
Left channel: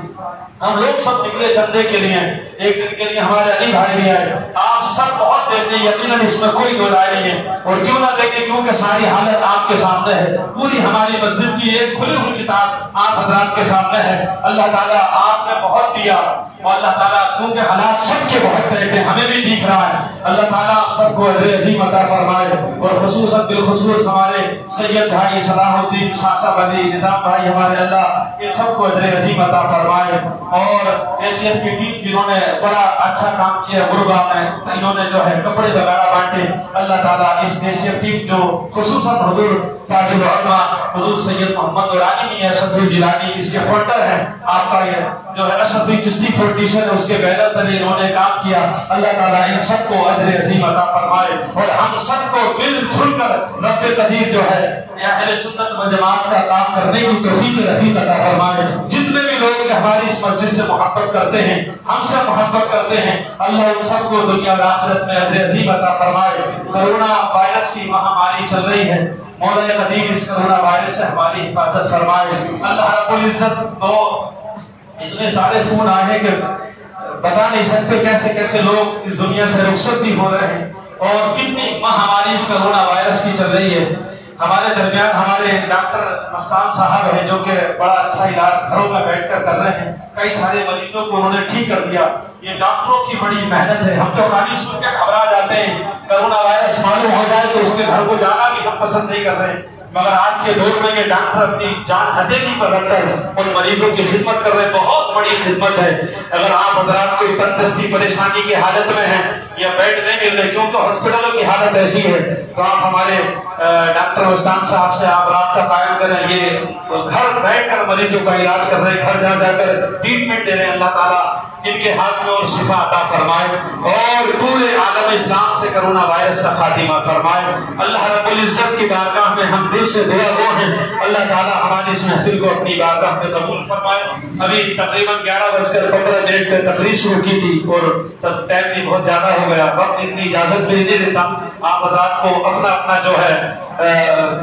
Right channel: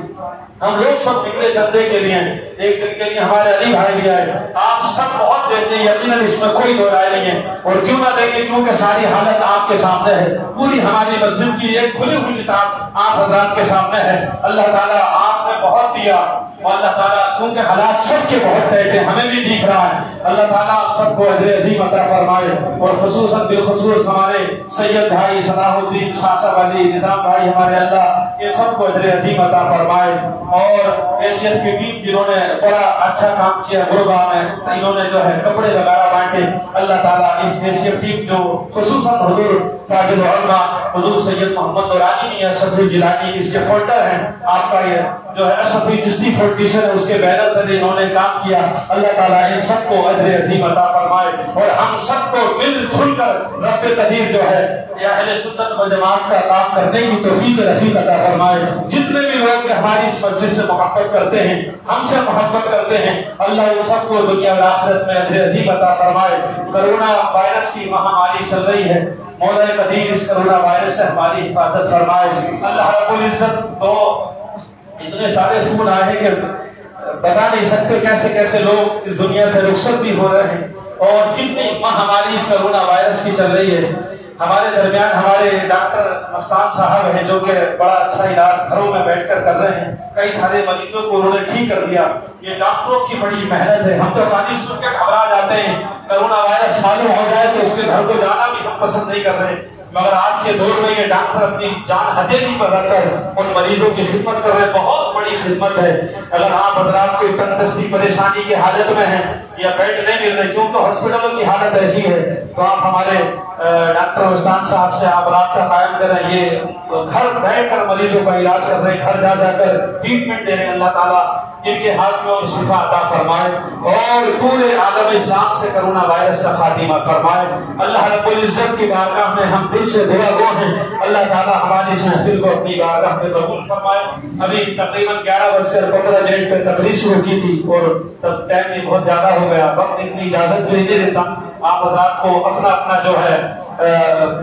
ہم لوگ سب نکلے چندے کے لیے. ایک دن کے لیے ہمارے علی بھائی بھی آئے. آپ سب بہت دیتے ہیں، یقیناً اس میں کوئی دو رائے نہیں ہے. اور کیوں نہ دیکھیں، کیونکہ ساری حالت آپ کے سامنے ہے. پوری ہماری مسجد کی ایک کھلی ہوئی کتاب آپ حضرات کے سامنے ہے. اللہ تعالیٰ آپ نے بہت دیا اور اللہ تعالیٰ کیونکہ حالات سب کے بہت ٹائٹ ہیں، ہمیں بھی دکھ رہا ہے. اللہ تعالیٰ آپ سب کو اجر عظیم عطا فرمائے. اور خصوصاً بالخصوص ہمارے سید بھائی صلاح الدین شاہ علی نظام بھائی، ہمارے اللہ ان سب کو اجر عظیم عطا فرمائے. اور ایسیت کی ٹیم جنہوں نے بڑا اچھا کام کیا غربا میں، انہوں نے جو ہے کپڑے وغیرہ بانٹے، اللہ تعالیٰ اس ایسیت ٹیم جو خصوصاً حضور تاج العلماء حضور سید محمد نورانی میاں شفیع جیلانی اس کے فولڈر ہیں، آپ کا یہ جو ہے اشرفی چشتی فاؤنڈیشن ہے اس کے بینر تلے انہوں نے کام کیا. اللہ تعالیٰ ان سب کو اجر عظیم عطا فرمائے. اور ہم سب کو مل جل کر رب قدیر جو ہے اہل سنت و جماعت کا کام کرنے کی توفیق رفیق عطا فرمائے. جتنے بھی لوگ ہماری اس مسجد سے محبت کرتے ہیں، ہم سے محبت کرتے ہیں، اللہ ان سب کو دنیا و آخرت میں اجر عظیم عطا فرمائے. کرونا وائرس کی مہاماری چل رہی ہے، مولا قدیر اس کرونا وائرس سے ہماری حفاظت فرمائے. اللہ رب العزت تو اتنے سارے فون آئے ہیں کہ بتا نہیں سکتے کیسے کیسے لوگ اس دنیا سے رخصت بھی ہو رہے ہیں اور کتنی مہاماری اس کرونا وائرس کی چل رہی ہے. ہمارے درمیان ہمارے ڈاکٹر مستان صاحب ہیں جو کہ بڑا اچھا علاج گھروں میں بیٹھ کر کر رہے ہیں. کئی سارے مریضوں کو انہوں نے ٹھیک کر دیا. یہ ڈاکٹروں کی بڑی محنت ہے. ہم تو خالی سن کے گھبرا جاتے ہیں، کرونا وائرس معلوم ہو جائے تو اس کے گھر کو جانا بھی ہم پسند نہیں کر رہے، مگر آج کے دور میں یہ ڈاکٹر اپنی جان ہتھیلی پر رکھ کر ان مریضوں کی خدمت کر رہے ہیں. بہت بڑی خدمت ہے. اگر آپ حضرات کوئی تندرستی پریشانی کی حالت میں ہیں یا بیڈ نہیں مل رہے کیونکہ ہاسپٹلوں کی حالت ایسی ہے، تو آپ ہمارے ڈاکٹر استان صاحب سے آپ رابطہ قائم کریں، یہ گھر بیٹھ کر مریضوں کا علاج کر رہے ہیں، گھر جا جا کر ٹریٹمنٹ دے رہے ہیں۔ اللہ تعالیٰ ان کے ہاتھ میں اور شفا عطا فرمائے اور پورے عالم اسلام سے کرونا وائرس کا خاتمہ فرمائے۔ اللہ رب العزت کی بارگاہ میں ہم دل سے دعا گو ہیں، اللہ تعالیٰ ہماری اس محفل کو اپنی بارگاہ میں قبول فرمائے۔ ابھی تقریباً 11:15 پہ تقریر شروع کی تھی اور ٹائم بھی بہت زیادہ ہو گیا، وقت اتنی اجازت بھی نہیں دیتا۔ آپ حضرات کو اپنا اپنا جو ہے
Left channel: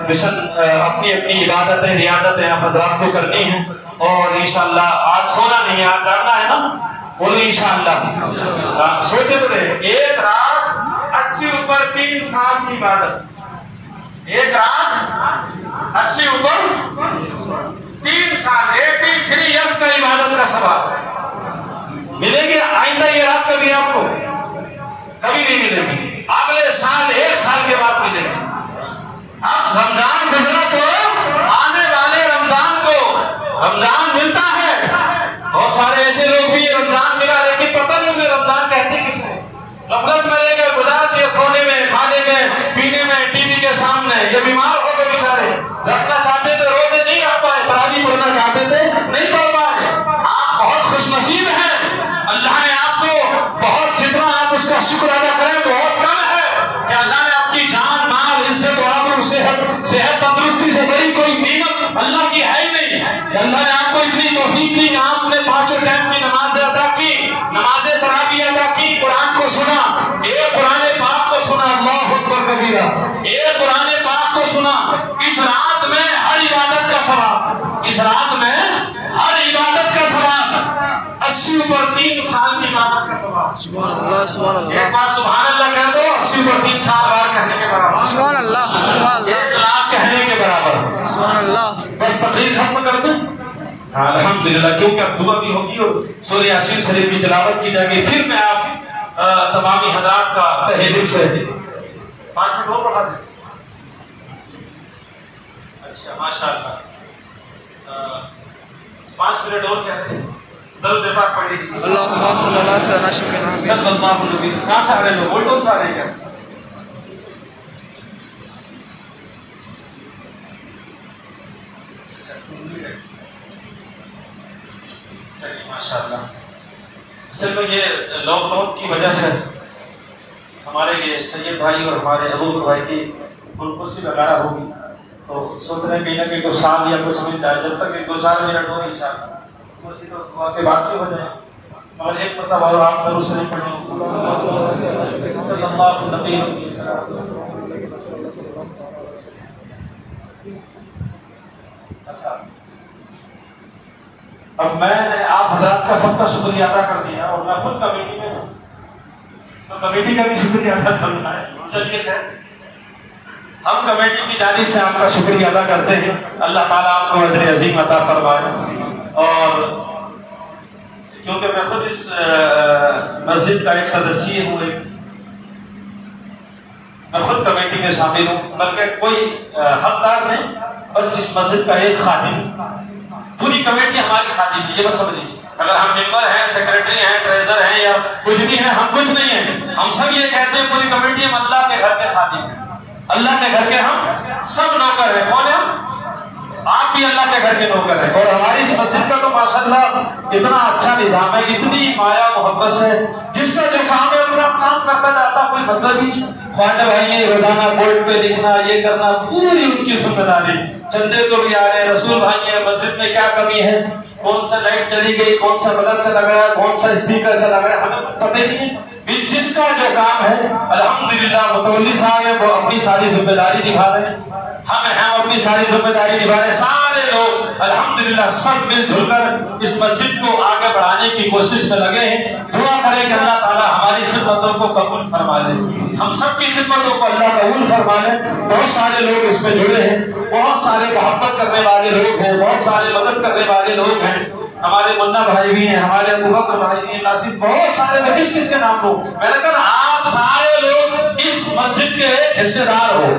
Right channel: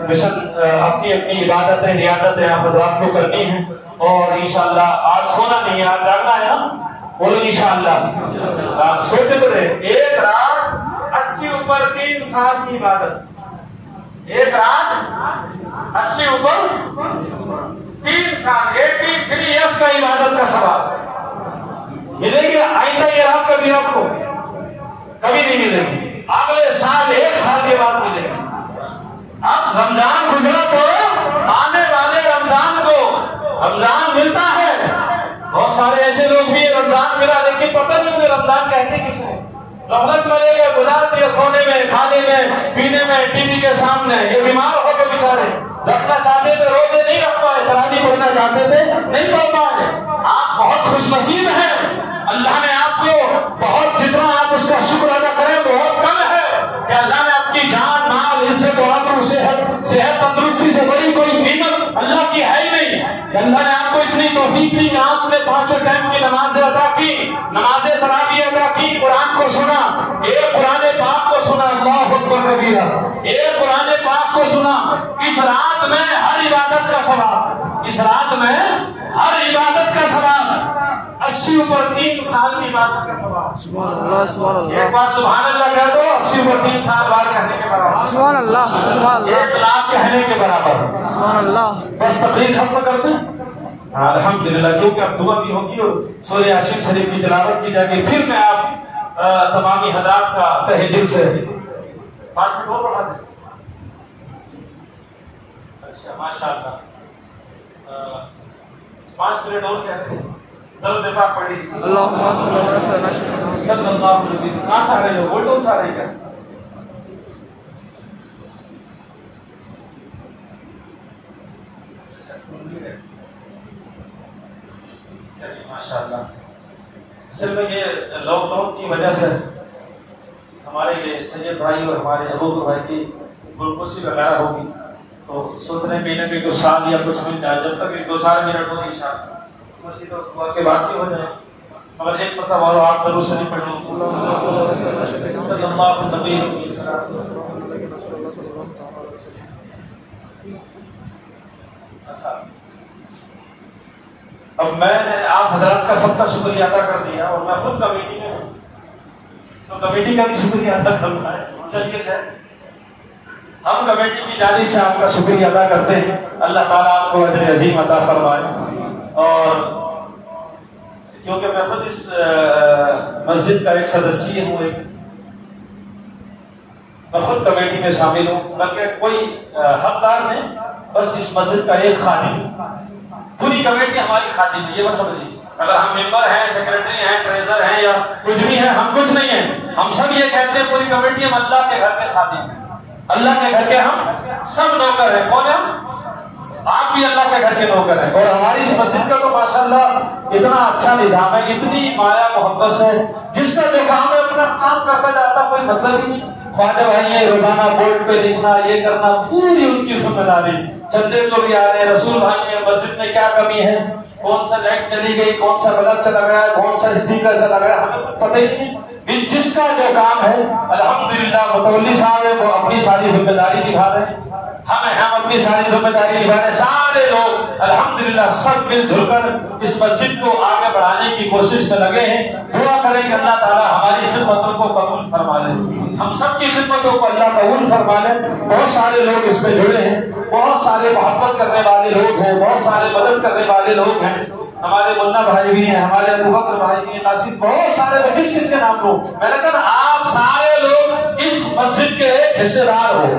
مشن، اپنی اپنی عبادتیں ریاضتیں آپ حضرات کو کرنی ہیں، اور انشاءاللہ آج سونا نہیں ہے، آج جاگنا ہے نا، بولو انشاءاللہ۔ سوچے تو رہے، ایک رات 80 اوپر 3 سال کی عبادت، ایک رات 80 اوپر 3 سال 83 ایئرس کا عبادت کا ثواب ملے گی۔ آئندہ یہ رات کبھی آپ کو کبھی نہیں ملے گی، اگلے سال 1 سال کے بعد ملے گی۔ اب رمضان گزرا تو آنے والے رمضان کو رمضان ملتا ہے، بہت سارے ایسے لوگ بھی رمضان ملا لیکن پتہ نہیں انہیں رمضان کہتے کس ہے، غفلت میں لے گئے، گزار دیا سونے میں، کھانے میں، پینے میں، ٹی وی کے سامنے۔ یہ بیمار ہو کے بیچارے رکھنا چاہتے تھے، روزے نہیں رکھ پائے، تراویح پڑھنا چاہتے تھے نہیں پڑھ پائے۔ آپ بہت خوش نصیب ہیں، اللہ نے آپ کو بہت، جتنا آپ اس کا شکر ادا کریں بہت کم ہے کہ اللہ نے آپ کی جان، مال، عزت و آبرو، صحت تندرستی سے بڑی کوئی نعمت اللہ کی ہے ہی نہیں۔ اللہ نے آپ کو اتنی توفیق دی کہ آپ نے 5 ٹائم کی نمازیں ادا کی، نماز تراویح ادا کی، قرآن کو سنا، ایک قرآن پاک کو سنا، اللہ اکبر کبیرہ، ایک قرآن پاک کو سنا۔ اس رات میں ہر عبادت کا ثواب، اس رات میں ہر عبادت کا ثواب، 80 اوپر 3 سال کی عبادت کا ثواب۔ سبحان اللہ، سبحان اللہ، ایک بار سبحان اللہ کہہ دو، 80 اوپر 3 سال بار کہنے کے برابر، سبحان اللہ، سبحان اللہ، 1 لاکھ کہنے کے برابر۔ سبحان اللہ۔ بس تقریر ختم کر دیں، الحمدللہ، کیونکہ اب دعا بھی ہوگی اور سورہ یاسین شریف کی تلاوت کی جائے گی۔ پھر میں آپ تمامی حضرات کا تہہ دل سے 5 منٹ اور بڑھا دیں۔ اچھا ماشاءاللہ، 5 منٹ اور کہتے ہیں، درود پاک پڑھ لیجیے۔ اللہم صلی اللہ علیہ وسلم، صلی اللہ علیہ وسلم۔ کہاں سے آ رہے لوگ؟ وولٹون سے آ رہے ہیں کیا؟ چلیے ماشاءاللہ۔ اصل میں یہ لاک ڈاؤن کی وجہ سے ہمارے یہ سید بھائی اور ہمارے ابو بھائی کی گلکوسی وغیرہ ہوگی، تو سوچ رہے ہیں کہیں نہ کہیں کچھ سال یا کچھ منٹ آئے، جب تک 2-4 منٹ ہو انشاءاللہ گلکوسی تو دعا کے بعد بھی ہو جائے۔ مگر ایک مرتبہ اور آپ ضرور سے نہیں پڑھیں، صلی اللہ علیہ وسلم۔ اچھا، اب میں نے آپ حضرات کا سب کا شکریہ ادا کر دیا اور میں خود کمیٹی میں ہوں، تو کمیٹی کا بھی شکریہ ادا کرنا ہے۔ چلیے خیر، ہم کمیٹی کی جانب سے آپ کا شکریہ ادا کرتے ہیں، اللہ تعالیٰ آپ کو اجر عظیم عطا فرمائے۔ اور کیونکہ میں خود اس مسجد کا ایک سدسی ہوں، میں خود کمیٹی میں شامل ہوں، بلکہ کوئی حقدار نہیں، بس اس مسجد کا ایک خادم، پوری کمیٹی ہماری خادم ہے، یہ بس سمجھیے۔ اگر ہم ممبر ہیں، سیکریٹری ہیں، ٹریزر ہیں یا کچھ بھی ہیں، ہم کچھ نہیں ہیں، ہم سب یہ کہتے ہیں پوری کمیٹی ہم اللہ کے گھر کے خادم ہیں، اللہ کے گھر کے ہم سب نوکر ہیں۔ کون ہیں ہم؟ آپ بھی اللہ کے گھر کے نوکر ہیں۔ اور ہماری اس مسجد کا تو ماشاءاللہ اتنا اچھا نظام ہے، اتنی مایا محبت سے، جس کا جو کام ہے اپنا کام کرتا جاتا، کوئی مطلب ہی نہیں۔ خواجہ بھائی یہ روزانہ بورڈ پہ لکھنا، یہ کرنا، پوری ان کی ذمہ داری، چندے کو بھی آ رہے ہیں، رسول بھائی یہ مسجد میں کیا کمی ہے، کون سا لائٹ چلی گئی، کون سا بلب چلا گیا، کون سا اسپیکر چلا گیا، ہمیں پتہ ہی نہیں ہے۔ جس کا جو کام ہے الحمدللہ متولی صاحب وہ اپنی ساری ذمہ داری نبھا رہے ہیں، ہم اپنی ساری ذمہ داری نبھا رہے ہیں، سارے لوگ الحمدللہ سب مل جل کر اس مسجد کو آگے بڑھانے کی کوشش میں لگے ہیں۔ دعا کریں کہ اللہ تعالیٰ ہماری خدمتوں کو قبول فرما لے، ہم سب کی خدمتوں کو اللہ قبول فرما لے۔ بہت سارے لوگ اس میں جڑے ہیں، بہت سارے محبت کرنے والے لوگ ہیں، بہت سارے مدد کرنے والے لوگ ہیں، ہمارے منا بھائی بھی ہیں، ہمارے ابو بکر بھائی بھی ہیں، قاسم، بہت سارے، میں کس کس کے نام لوں؟ میں نے کہا آپ سارے لوگ اس مسجد کے حصے دار ہو،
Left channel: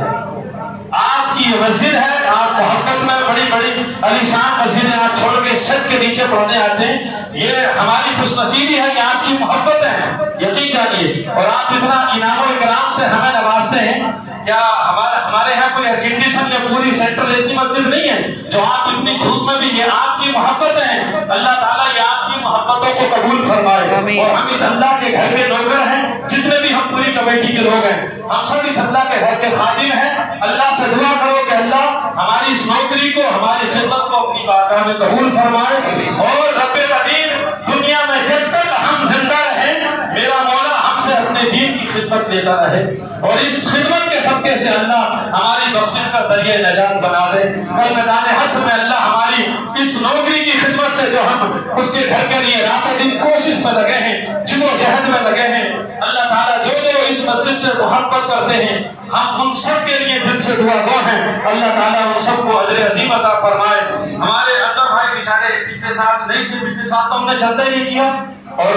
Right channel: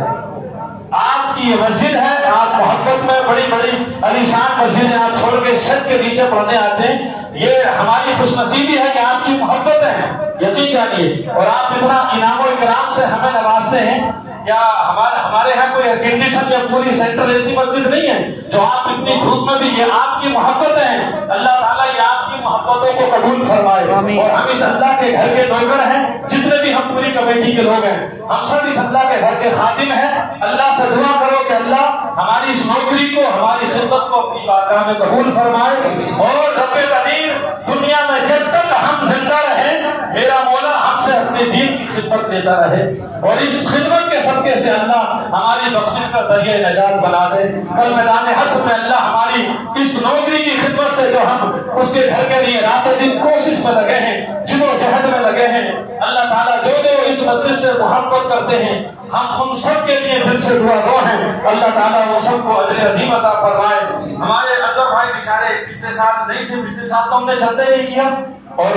آپ آپ کی یہ مسجد ہے, آپ محبت میں بڑی بڑی علیشان مسجدیں آپ چھوڑ کے چھت کے نیچے پڑھنے آتے ہیں, یہ ہماری خوش نصیبی ہے کہ آپ کی محبت ہے, یقین جانیے. اور آپ اتنا انعام و اکرام سے ہمیں نوازتے ہیں. کیا ہمارے یہاں کوئی ایئر کنڈیشن یا پوری سینٹرل اے سی مسجد نہیں ہے جو آپ اتنی دھوپ میں بھی, یہ آپ کی محبت ہے. اللہ تعالیٰ یہ آپ کی محبتوں کو قبول فرمائے. اور ہم اس اللہ کے گھر کے نوکر ہیں, جتنے بھی ہم پوری کمیٹی کے لوگ ہیں, ہم سب اس اللہ کے گھر کے خادم ہیں. اللہ سے دعا کرو کہ اللہ ہماری اس نوکری کو, ہماری خدمت کو اپنی بارگاہ میں قبول فرمائے. اور رب قدیر دنیا میں جب تک ہم زندہ رہیں, میرا مولا ہم سے اپنے دین کی خدمت لیتا رہے, اور اس خدمت کے صدقے سے اللہ ہماری بخشش کا ذریعہ نجات بنا دے. کل میدان حشر میں اللہ ہماری اس نوکری کی خدمت سے جو ہم اس کے گھر کے لیے رات دن کوشش میں لگے ہیں, جد و جہد میں لگے ہیں, اللہ تعالیٰ جو اس مسجد سے محبت کرتے ہیں, ہم ان سب کے لیے دل سے دعا گو ہیں. اللہ تعالیٰ ان سب کو اجر عظیم عطا فرمائے. ہمارے اندر بھائی بیچارے پچھلے سال نہیں تھے, پچھلے سال تو ہم نے چلتا ہی نہیں کیا, اور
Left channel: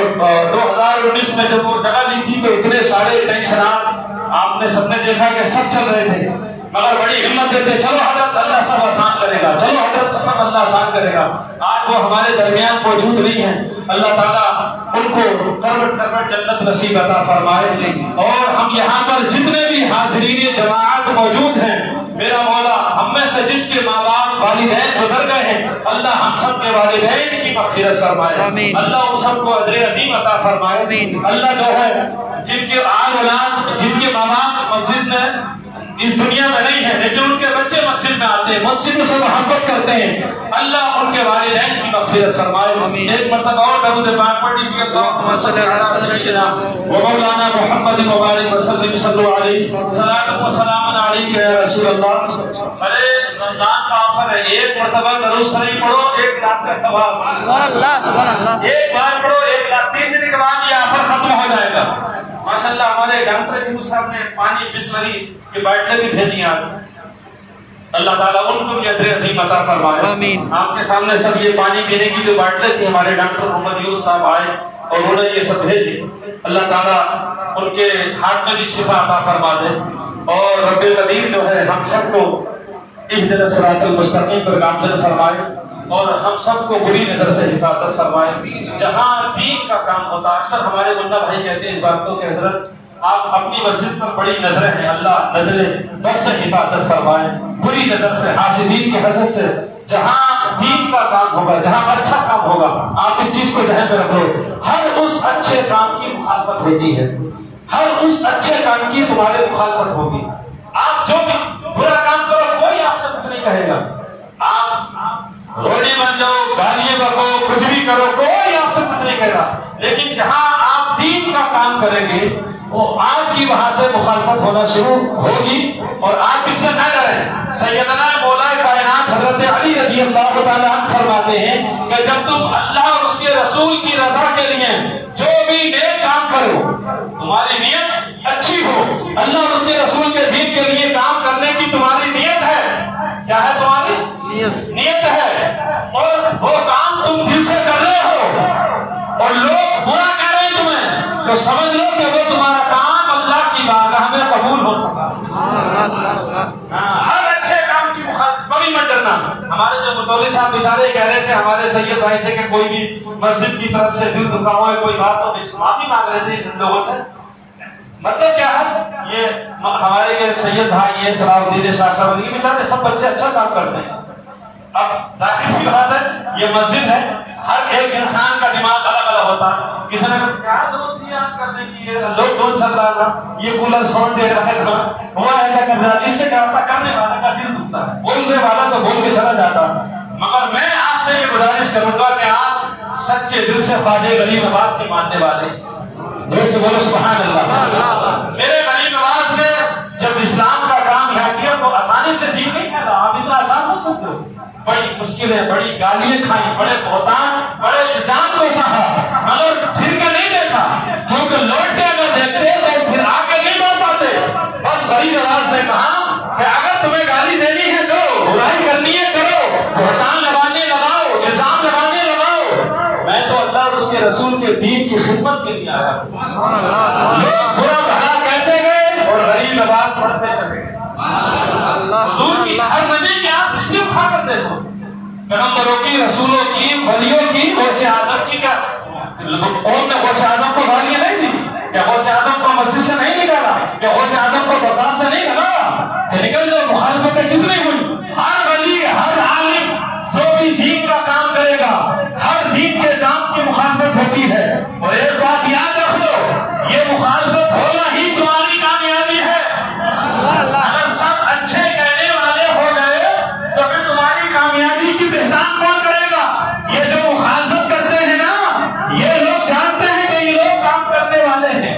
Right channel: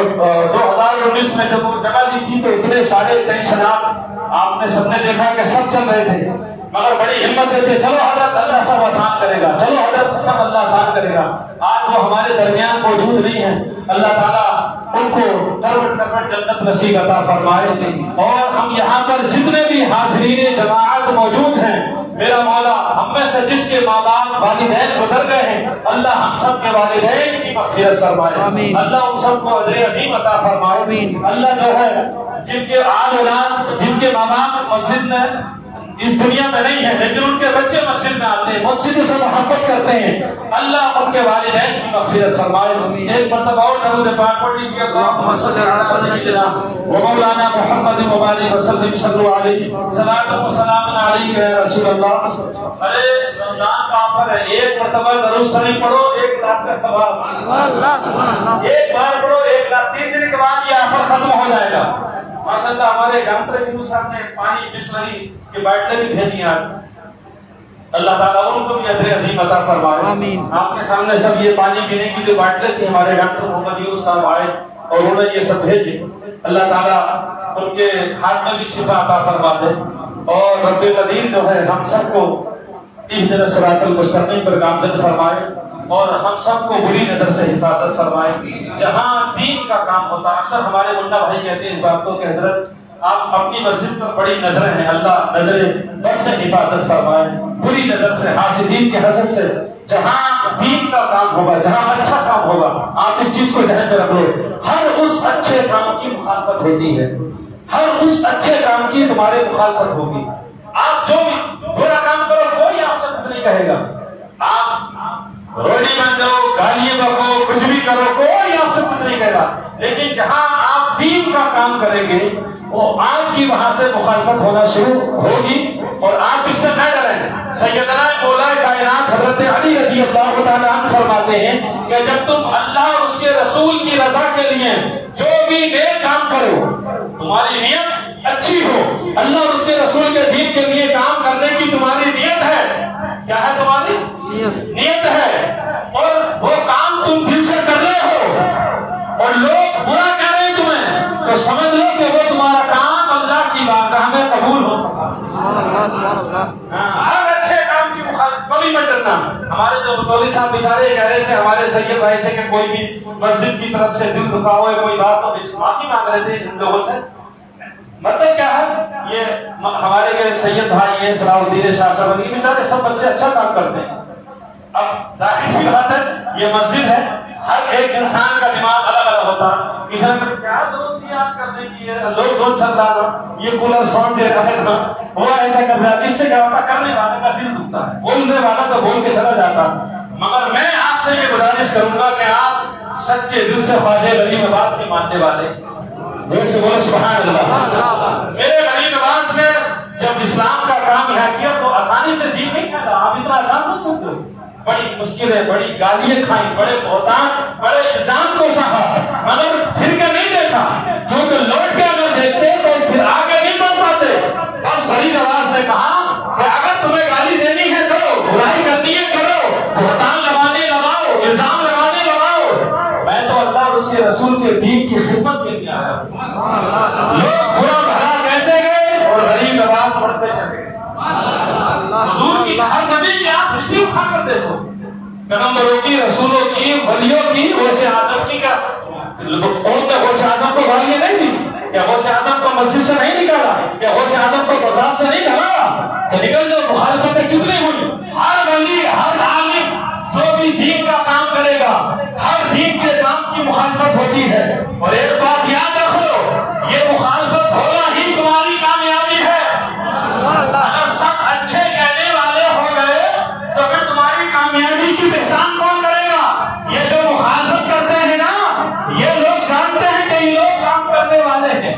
2019 میں جب وہ جگہ لی تھی تو اتنے سارے ٹینشنات آپ نے سب نے دیکھا کہ سب چل رہے تھے, مگر بڑی ہمت دیتے, چلو حضرت اللہ سب آسان کرے گا, چلو حضرت سب اللہ آسان کرے گا. آج وہ ہمارے درمیان موجود نہیں ہیں. اللہ تعالیٰ ان کو کروٹ کروٹ جنت نصیب عطا فرمائے. اور ہم یہاں پر جتنے بھی حاضرین جماعت موجود ہیں, میرا مولا ہم میں سے جس کے ماں باپ والدین گزر گئے ہیں, اللہ ہم سب کے والدین کی مغفرت فرمائے. اللہ ان سب کو اجر عظیم عطا فرمائے. اللہ جو ہے جن کے آل اولاد, جن کے ماں باپ مسجد میں اس دنیا میں نہیں ہے لیکن ان کے بچے مسجد میں آتے ہیں, مسجد سے محبت کرتے ہیں, اللہ ان کے والدین کی مغفرت فرمائے. ایک مرتبہ اور درود پاک پڑھ لیجیے. اللهم صل على سيدنا ومولانا محمد وبارك وسلم صلوا عليه صلاۃ و سلام علیک یا رسول اللہ. ارے رمضان کا آفر ہے, ایک مرتبہ درود شریف پڑھو, 1 لاکھ کا ثواب. سبحان اللہ سبحان اللہ. ایک بار پڑھو 1 لاکھ, 3 دن کے بعد یہ آفر ختم ہو جائے گا. ماشاءاللہ ہمارے ڈاکٹر یونس صاحب نے پانی بسلری کے باٹلیں بھی بھیجی ہیں. اللہ تعالیٰ ان کو بھی اجر عظیم عطا فرمائے. آمین. آپ کے سامنے سب یہ پانی پینے کی جو باٹلیں تھی, ہمارے ڈاکٹر محمد یونس صاحب آئے اور انہوں نے یہ سب بھیجی. اللہ تعالیٰ ان کے ہاتھ میں بھی شفا عطا فرما دے. اور رب قدیر جو ہے ہم سب کو اہدنا الصراط المستقیم پر گامزن فرمائے, اور ہم سب کو بری نظر سے حفاظت فرمائے. جہاں دین کا کام ہوتا, اکثر ہمارے منا بھائی کہتے ہیں اس بات کو کہ حضرت آپ اپنی مسجد پر بڑی نظریں ہیں, اللہ نظر بس سے حفاظت فرمائے, بری نظر سے, حاسدین کے حسد سے. جہاں دین کا کام ہوگا, جہاں اچھا کام ہوگا, آپ اس چیز کو ذہن میں رکھ لو, ہر اس اچھے کام کی مخالفت ہوتی ہے, ہر اس اچھے کام کی تمہارے مخالفت ہوگی. آپ جو بھی برا کام کرو کوئی آپ سے کچھ نہیں کہے گا, آپ روڈی بن جاؤ, گالیاں بکو, کچھ بھی کرو, کوئی آپ سے کچھ نہیں کہے گا. لیکن جہاں آپ دین کا کام کریں گے وہ آپ کی وہاں سے مخالفت ہونا شروع ہوگی, اور آپ اس سے نہ ڈریں. سیدنا مولا کائنات حضرت علی رضی اللہ تعالیٰ عنہ فرماتے ہیں کہ جب تم اللہ اور اس کے رسول کی رضا کے لیے جو بھی نیک کام کرو, تمہاری نیت اچھی ہو, اللہ اور اس کے رسول کے دین کے لیے کام کرنے کی تمہاری نیت ہے, کیا ہے تمہاری نیت ہے, اور وہ کام تم دل سے کر رہے ہو اور لوگ برا کہہ رہے ہیں تمہیں, تو سمجھ لو کہ وہ تمہارا کام اللہ کی بارگاہ میں قبول ہو چکا. ہر اچھے کام کی مخالفت کبھی مت کرنا. ہمارے جو متولی صاحب بیچارے کہہ رہے تھے ہمارے سید بھائی سے کہ کوئی بھی مسجد کی طرف سے دل دکھا ہوا ہے, کوئی بات ہو, معافی مانگ رہے تھے ان لوگوں سے. مطلب کیا ہے, یہ ہمارے یہ سید بھائی ہیں صلاح الدین شاہ صاحب علی بیچارے سب بچے اچھا کام کرتے ہیں. اب ظاہر سی بات ہے یہ مسجد ہے, ہر ایک انسان کا دماغ الگ الگ ہوتا. کسی نے کیا ضرورت تھی آج کرنے کی, لوگ دو چل رہا تھا, یہ کولر ساؤنڈ دے رہا ہے نا, وہ ایسا کر رہا ہے, اس سے کیا ہوتا, کرنے والے کا دل دکھتا ہے, بولنے والا تو بول کے چلا جاتا. مگر میں آپ سے یہ گزارش کروں گا کہ آپ سچے دل سے خواجہ غریب نواز کے ماننے والے جیسے بولے سبحان اللہ. میرے غریب نواز نے جب اسلام کا کام یہاں کیا تو آسانی سے دین نہیں کھانا, آپ اتنا آسان ہو سکتے ہو, بڑی مشکلیں, بڑی گالیاں کھائیں, بڑے بہتان, بڑے الزام کو سہا, مگر پھر کے نہیں دیکھا, کیونکہ لوٹ کے اگر دیکھتے تو پھر آگے نہیں بڑھ پاتے. بس غریب نواز نے کہا کہ اگر تمہیں گالی دینی ہے تو برائی کرنی ہے کرو, بہتان لگانے لگاؤ, الزام لگانے لگاؤ, میں تو اللہ اور اس کے رسول کے دین کی خدمت کے لیے آیا ہوں. لوگ برا بھلا کہتے گئے اور غریب نواز پڑھتے چلے گئے. حضور کی ہر نبی کی آپ ہسٹری اٹھا کر دیکھو، پیغمبروں کی، رسولوں کی، ولیوں کی، غوث اعظم کی، کیا اور نے غوث اعظم کو گالیاں نہیں دی؟ کیا غوث اعظم کو مسجد سے نہیں نکالا؟ کیا غوث اعظم کو بغداد سے نہیں نکالا؟ نکل جو مخالفتیں کتنی ہوئی؟ ہر ولی، ہر عالم جو بھی دین کا کام کرے گا، ہر دین کے کام کی مخالفت ہوتی ہے، اور ایک بات یاد رکھ لو، یہ مخالفت ہونا ہی تمہاری کامیابی ہے۔ اگر سب اچھے کہنے والے ہو گئے تو پھر تمہاری کامیابی کی پہچان کون کرے گا؟ یہ جو مخالفت کرتے ہیں نا، یہ لوگ جانتے ہیں کہ یہ لوگ کام کرنے والے ہیں،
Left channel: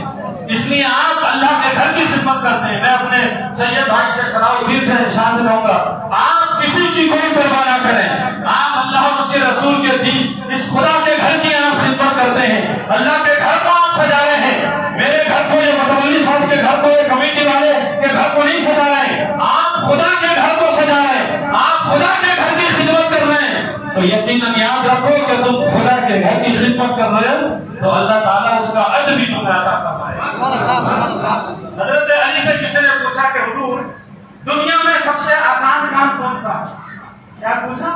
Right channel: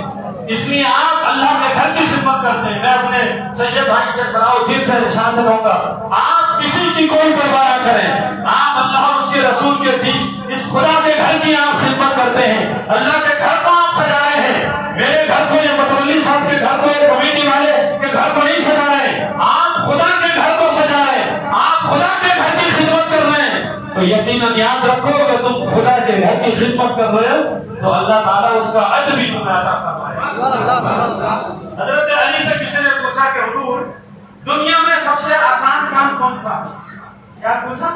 اس لیے آپ اللہ کے گھر کی خدمت کرتے ہیں۔ میں اپنے سید بھائی سے، صلاح الدین سے، شاہ سے کہوں گا، آپ کسی کی کوئی پرواہ نہ کریں، آپ اللہ اور اس کے رسول کے دین، اس خدا کے گھر کی آپ خدمت کرتے ہیں، اللہ کے گھر کو آپ سجا رہے ہیں۔ میرے گھر کو یا متولی صاحب کے گھر کو یا کمیٹی والے کے گھر کو نہیں سجا رہے، آپ خدا کے گھر کو سجا رہے ہیں، آپ خدا کے گھر کی خدمت کر رہے ہیں، تو یقیناً یاد رکھو کہ تم خدا کے گھر کی خدمت کر رہے ہو تو اللہ تعالیٰ اس کا اجر بھی تمہیں عطا فرمائے۔ حضرت علی سے کسی نے پوچھا کہ حضور دنیا میں سب سے آسان کام کون سا ہے؟ کیا پوچھا؟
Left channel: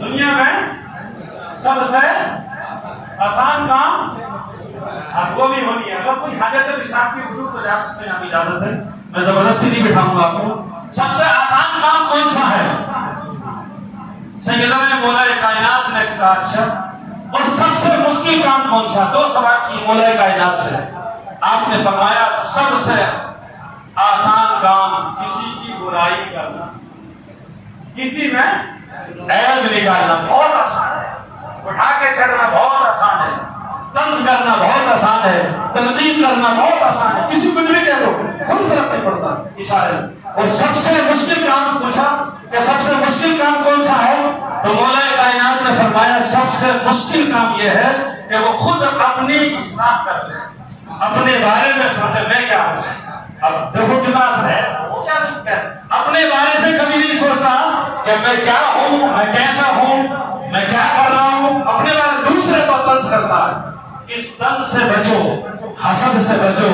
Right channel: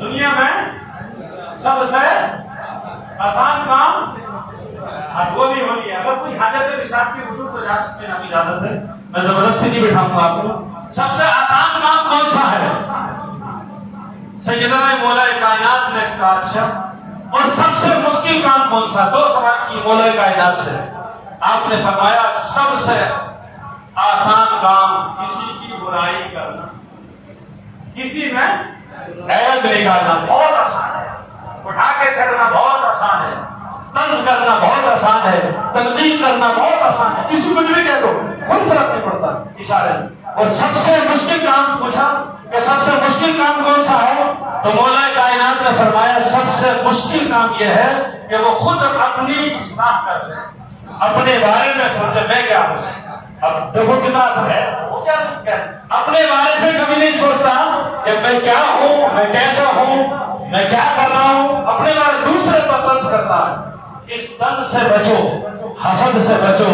دنیا میں سب سے آسان کام؟ اب وہ بھی ہونی ہے، اگر کوئی حاجت پیشاب کی حضور تو جا سکتے ہیں، آپ اجازت ہے، میں زبردستی نہیں بٹھاؤں گا آپ کو۔ سب سے آسان کام کون سا ہے؟ سیدنا مولا کائنات نے کہا اچھا، اور سب سے مشکل کام کون سا؟ دو سوال کی مولا کائنات سے، آپ نے فرمایا سب سے آسان کام کسی کی برائی کرنا، کسی میں عیب نکالنا بہت آسان ہے، اٹھا کے چھڑنا بہت آسان ہے، تنگ کرنا بہت آسان ہے، تنقید کرنا بہت آسان ہے، کسی کو بھی کہہ دو کوئی فرق نہیں پڑتا، اشارے۔ اور سب سے مشکل کام پوچھا کہ سب سے مشکل کام کون سا ہے؟ تو مولا کائنات نے فرمایا سب سے مشکل کام یہ ہے کہ وہ خود اپنی اصلاح کر لے، اپنے بارے میں سوچے میں کیا ہوں۔ اب دیکھو کتنا اثر ہے، وہ کیا نہیں کہتا، اپنے بارے میں کبھی نہیں سوچتا کہ میں کیا ہوں، میں کیسا ہوں، میں کیا کر رہا ہوں، اپنے بارے دوسرے پر طنز کرتا ہے۔ اس طنز سے بچو، حسد سے بچو۔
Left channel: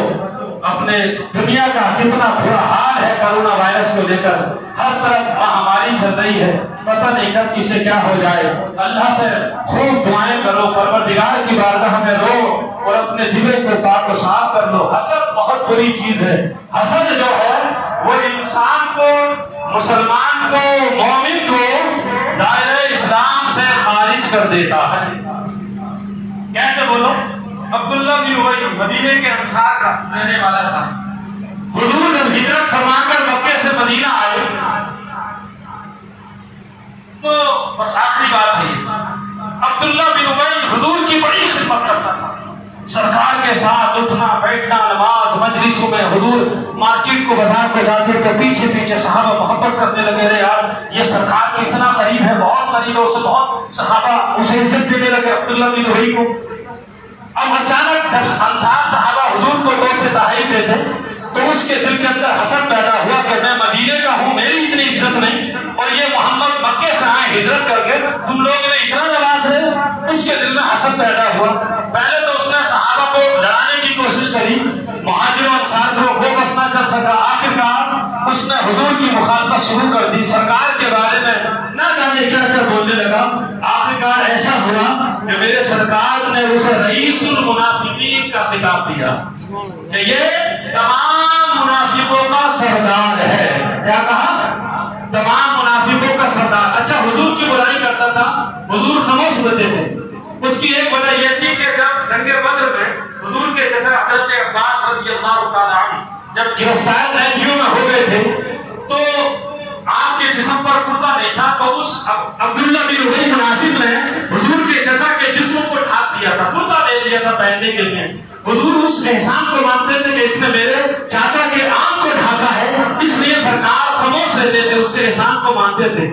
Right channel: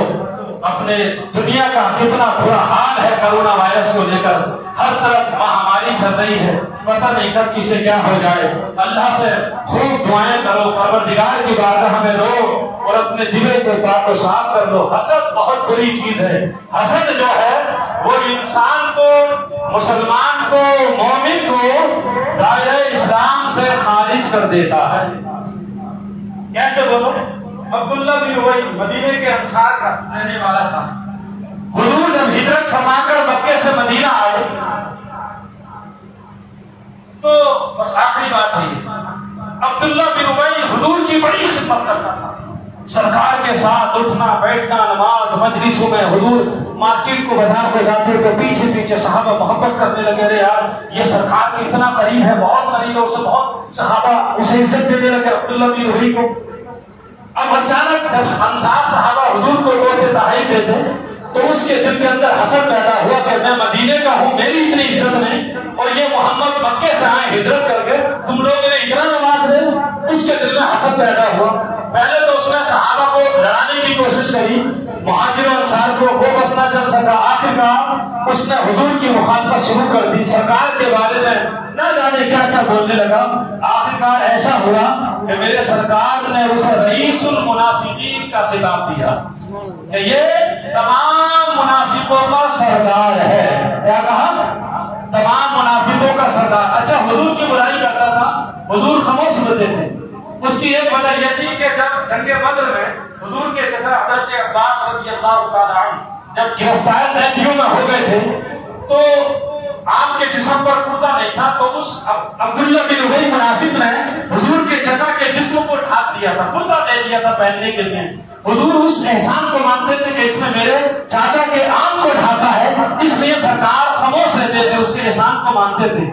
اپنے دنیا کا کتنا برا حال ہے کرونا وائرس کو لے کر، ہر طرف مہاماری چل رہی ہے، پتہ نہیں کب کسے کیا ہو جائے۔ اللہ سے خوب دعائیں کرو، پروردگار کی بارگاہ میں رو اور اپنے دلوں کو پاک و صاف کر لو۔ حسد بہت بری چیز ہے، حسد جو ہے وہ انسان کو، مسلمان کو، مومن کو دائرہ اسلام سے خارج کر دیتا ہے۔ کیسے بولو؟ عبداللہ بن ابی مدینے کے انصار کا رہنے والا تھا، حضور جب ہجرت فرما کر مکے سے مدینہ آئے تو بس آخری بات ہے یہ، عبداللہ بن ابی حضور کی بڑی خدمت کرتا تھا، سرکار کے ساتھ اٹھنا بیٹھنا، نماز مجلسوں میں، حضور مارکیٹ کو بازار کو جاتے تو پیچھے پیچھے صحابہ محبت کرنے لگے، رہے یار یہ سرکار کے اتنا قریب ہے، بہت قریب ہے، اسے بہت صحابہ اسے عزت دینے لگے عبداللہ بن ابی کو۔ اب اچانک جب انصار صحابہ حضور کو تحفے تحائف دیتے تو اس کے دل کے اندر حسد پیدا ہوا کہ میں مدینے کا ہوں، میری اتنی عزت نہیں، اور یہ محمد مکے سے آئے ہجرت کر کے، تم لوگ نے اتنا نواز ہے۔ اس کے دل میں حسد پیدا ہوا۔ پہلے تو اس نے صحابہ کو لڑانے کی کوشش کری، مہاجر و انصار کو وہ بس نہ چل سکا، آخرکار اس نے حضور کی مخالفت شروع کر دی، سرکار کے بارے میں نہ جانے کیا کیا بولنے لگا۔ آخرکار ایسا ہوا کہ میرے سرکار نے اسے رئیس المنافقین کا خطاب دیا کہ یہ تمام منافقوں کا سردار ہے۔ کیا کہا؟ تمام منافقوں کا سردار۔ اچھا حضور کی برائی کرتا تھا، حضور خاموش ہوتے تھے۔ اس کی ایک وجہ یہ تھی کہ جب جنگ بدر میں حضور کے چچا حضرت عباس رضی اللہ تعالیٰ عنہ جب گرفتار قیدیوں میں ہو گئے تھے تو آپ کے جسم پر کرتا نہیں تھا، تو اس عبداللہ بن ابی منافق نے حضور کے چچا کے جسم کو ڈھانپ دیا تھا، کرتا دے دیا تھا پہننے کے لیے۔ حضور اس احسان کو مانتے تھے کہ اس نے میرے چاچا کے آنکھ کو ڈھانپا ہے، اس لیے سرکار خاموش رہتے تھے، اس کے احسان کو مانتے تھے۔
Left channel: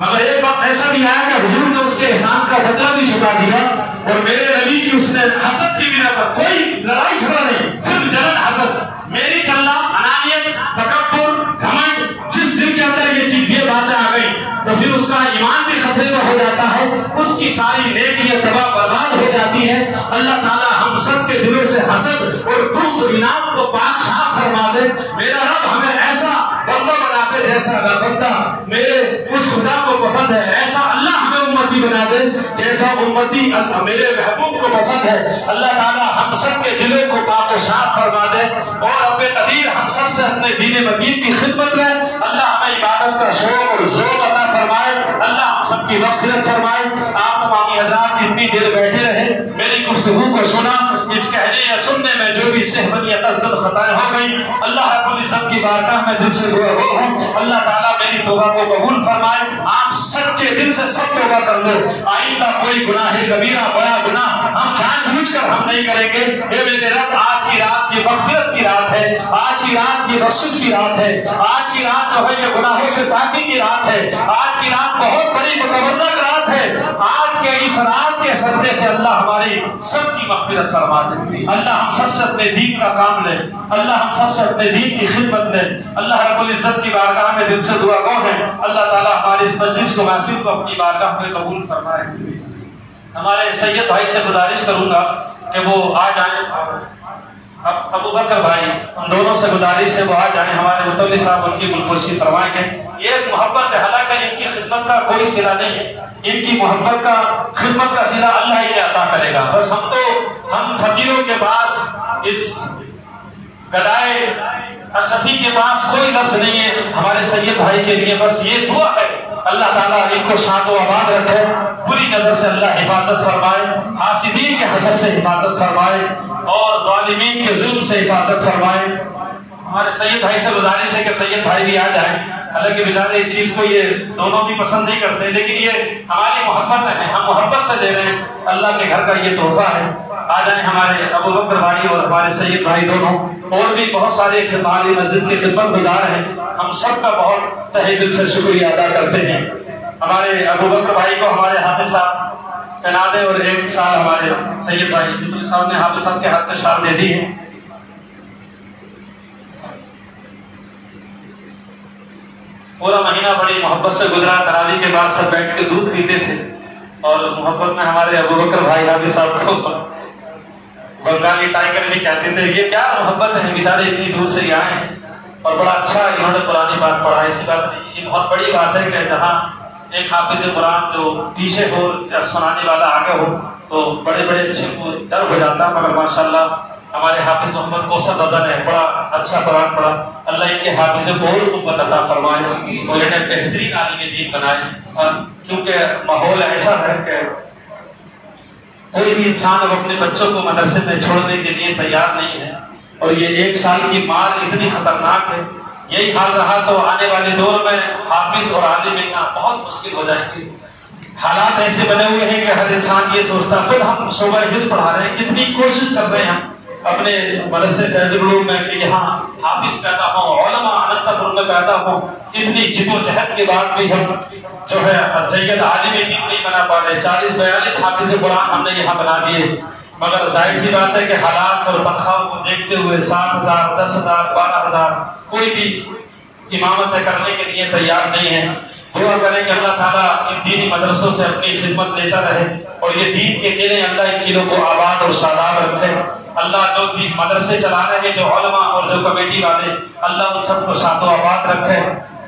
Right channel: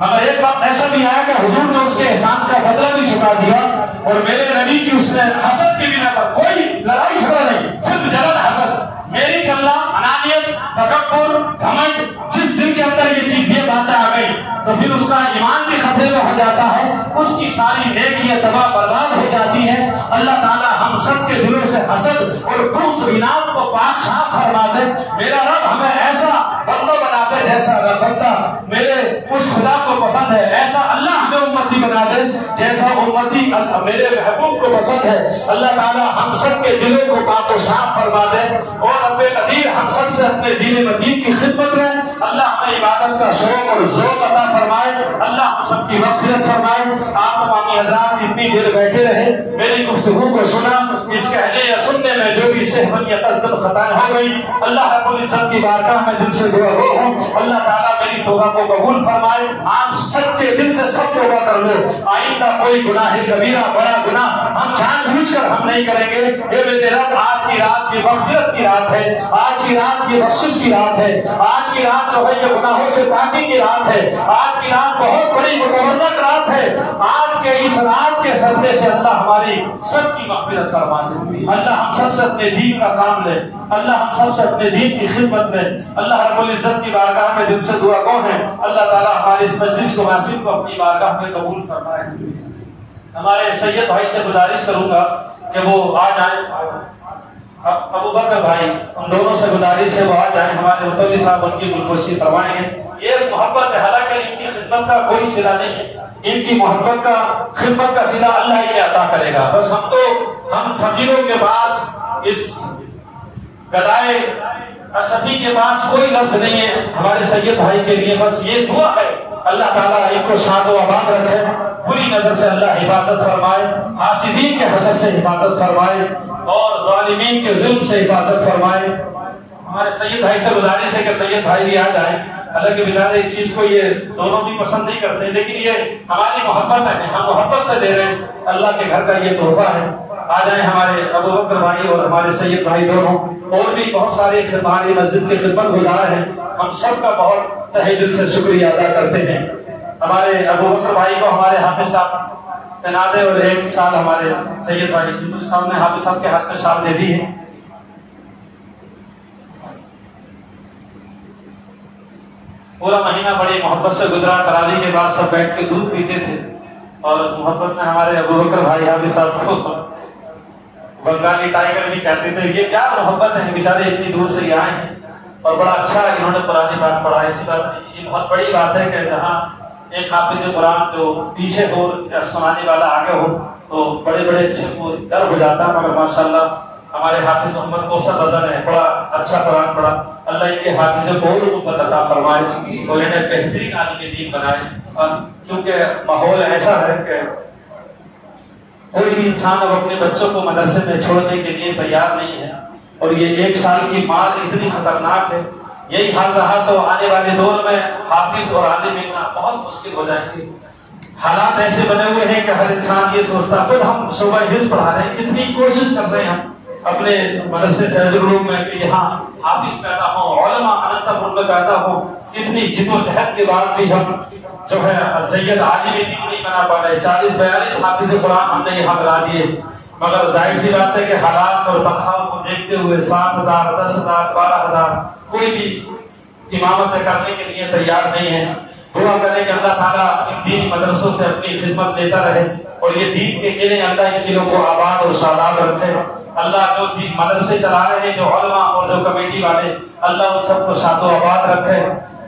مگر ایک وقت ایسا بھی آیا کہ حضور نے اس کے احسان کا بدلہ بھی چکا دیا، اور میرے نبی کی اس نے حسد کی بنا پر، کوئی لڑائی جھگڑا نہیں، صرف جلن حسد، میری چلنا، انانیت، تکبر، گھمنڈ، جس دل کے اندر یہ باتیں آ گئی تو پھر اس کا ایمان بھی خطرے میں ہو جاتا ہے، اس کی ساری نیکیاں تباہ برباد ہو جاتی ہے۔ اللہ تعالیٰ ہم سب کے دلوں سے حسد اور بغض و اناد کو پاک صاف فرما دے۔ میرا رب ہمیں ایسا بندہ بنا دے جیسا اگر بندہ میرے اس خدا کو پسند ہے ایسا اللہ ہمیں امتی بنا دے جیسا امتی میرے محبوب کو پسند ہے. اللہ تعالیٰ ہم سب کے دلوں کو پاک و صاف فرما دے اور رب قدیر ہم سب سے اپنے دین متین کی خدمت میں اللہ ہمیں عبادت کا شوق اور ذوق عطا فرمائے. اللہ ہم سب کی مغفرت فرمائے. آپ تمامی حضرات اتنی دیر بیٹھے رہے, میری گفتگو کو سنا, اس کہنے یا سننے میں جو بھی سہون یا قصدن خطائیں ہو گئی اللہ رب العزت کی بارگاہ میں دل سے دعا گو ہوں. اللہ تعالیٰ میری توبہ کو قبول فرمائے. آپ سچے دل سے سب توبہ کر لو. آئندہ کوئی گناہ کبیرہ بڑا گناہ ہم جان بوجھ کر ہم نہیں کریں گے. اے میرے رب, آج کی رات یہ مغفرت کی رات ہے, آج کی رات یہ بخشش کی رات ہے, آج کی رات جو ہے یہ گناہوں سے پاکی کی رات ہے, آج کی رات بہت بڑی متبرک رات ہے. آج کے اس رات کے صدقے سے اللہ ہماری سب کی مغفرت فرما دے. اللہ ہم سب سے اپنے دین کا کام لے, اللہ ہم سب سے اپنے دین کی خدمت لے. اللہ رب العزت کی بارگاہ میں دل سے دعا گو ہیں اللہ تعالیٰ ہماری اس مجلس کو محفل کو اپنی بارگاہ میں قبول فرمائے. ہمارے سید بھائی سے گزارش کروں گا کہ وہ آ جائیں. ابو بکر بھائی, ان دونوں سے گزارش ہے وہ آ جائیں. ہمارے متولی صاحب ان کی گلگوشی فرمائیں گے. یہ محبت ہے, حالانکہ ان کی خدمت کا کوئی صلہ نہیں ہے, ان کی محبت کا خدمت کا صلہ اللہ ہی عطا کرے گا. بس ہم فقیروں کے پاس, اس گدائے اشرفی کے پاس کوئی لفظ نہیں ہے ہمارے سید بھائی کے لیے. بس یہ دعا ہے اللہ تعالیٰ ان کو شاد و آباد رکھے, بری نظر سے اللہ حفاظت فرمائے, حاسدین کے حسد سے حفاظت فرمائے اور ظالمین کے ظلم سے حفاظت فرمائے. ہمارے سید بھائی سے گزارش ہے کہ سید بھائی بھی آ جائیں. حالانکہ بیچارے اس چیز کو یہ دونوں بھی پسند نہیں کرتے, لیکن یہ ہماری محبت ہے, ہم محبت سے دے رہے ہیں. اللہ کے گھر کا یہ تحفہ ہے. آ جائیں ہمارے ابو بکر بھائی اور ہمارے سید بھائی دونوں, اور بھی بہت سارے ہماری مسجد کی خدمت گزار ہیں. ہم سب کا بہت تہہ دل سے شکریہ ادا کرتے ہیں. ہمارے ابو بکر بھائی کو ہمارے حافظ صاحب پہنا دے, اور 1 سال ہمارے سید بھائی صاحب نے حافظ صاحب کے ہاتھ میں شال دے دی ہے. پورا مہینہ بڑی محبت سے گزرا. تراویح کے بعد سب بیٹھ کے دودھ پیتے تھے, اور محبت میں ہمارے ابو بکر بھائی حافظ صاحب کو بنگالی ٹائگر بھی کہتے تھے. یہ کیا محبت ہے, بیچارے اتنی دور سے آئے ہیں اور بڑا اچھا انہوں نے قرآن بات پڑھا. ایسی بات نہیں, یہ بہت بڑی بات ہے کہ جہاں ایک حافظ قرآن جو پیچھے ہو یا سنانے والا آگے ہو تو بڑے بڑے اچھے کو ڈر ہو جاتا. مگر ماشاءاللہ ہمارے حافظ محمد کوثر نظر ہے, بڑا اچھا قرآن پڑھا. اللہ ان کے حافظ کو اور قوت عطا فرمائے اور انہیں بہترین عالم دین بنائے. اور کیونکہ ماحول ایسا ہے کہ کوئی بھی انسان اب اپنے بچوں کو مدرسے میں چھوڑنے کے لیے تیار نہیں ہے, اور یہ 1 سال کی مار اتنی خطرناک ہے. یہی حال رہا تو آنے والے دور میں حافظ اور عالم ملنا بہت مشکل ہو جائیں گے. حالات ایسے بنے ہوئے ہیں کہ ہر انسان یہ سوچتا, خود ہم صوبہ حفظ پڑھا رہے ہیں, کتنی کوشش کر رہے ہیں ہم اپنے مدرسے فیض العلوم میں کہ یہاں حافظ پیدا ہوں, علماء اننت پور میں پیدا ہوں. اتنی جد و جہد کے بعد بھی ہم جو ہے جید عالم دین نہیں بنا پا رہے. 40-42 حافظ قرآن ہم نے یہاں بنا دیے. مگر ظاہر سی بات ہے کہ حالات اور تنخواہوں کو دیکھتے ہوئے 7,000 10,000 12,000 کوئی بھی امامت کرنے کے لیے تیار نہیں ہے. دعا کریں کہ اللہ تعالیٰ ان دینی مدرسوں سے اپنی خدمت لیتا رہے, اور یہ دین کے قلعے اللہ ان قلعوں کو آباد اور شاداب رکھے. اللہ جو دین مدرسے چلا رہے ہیں, جو علماء اور جو کمیٹی والے, اللہ ان سب کو شاد و آباد رکھے.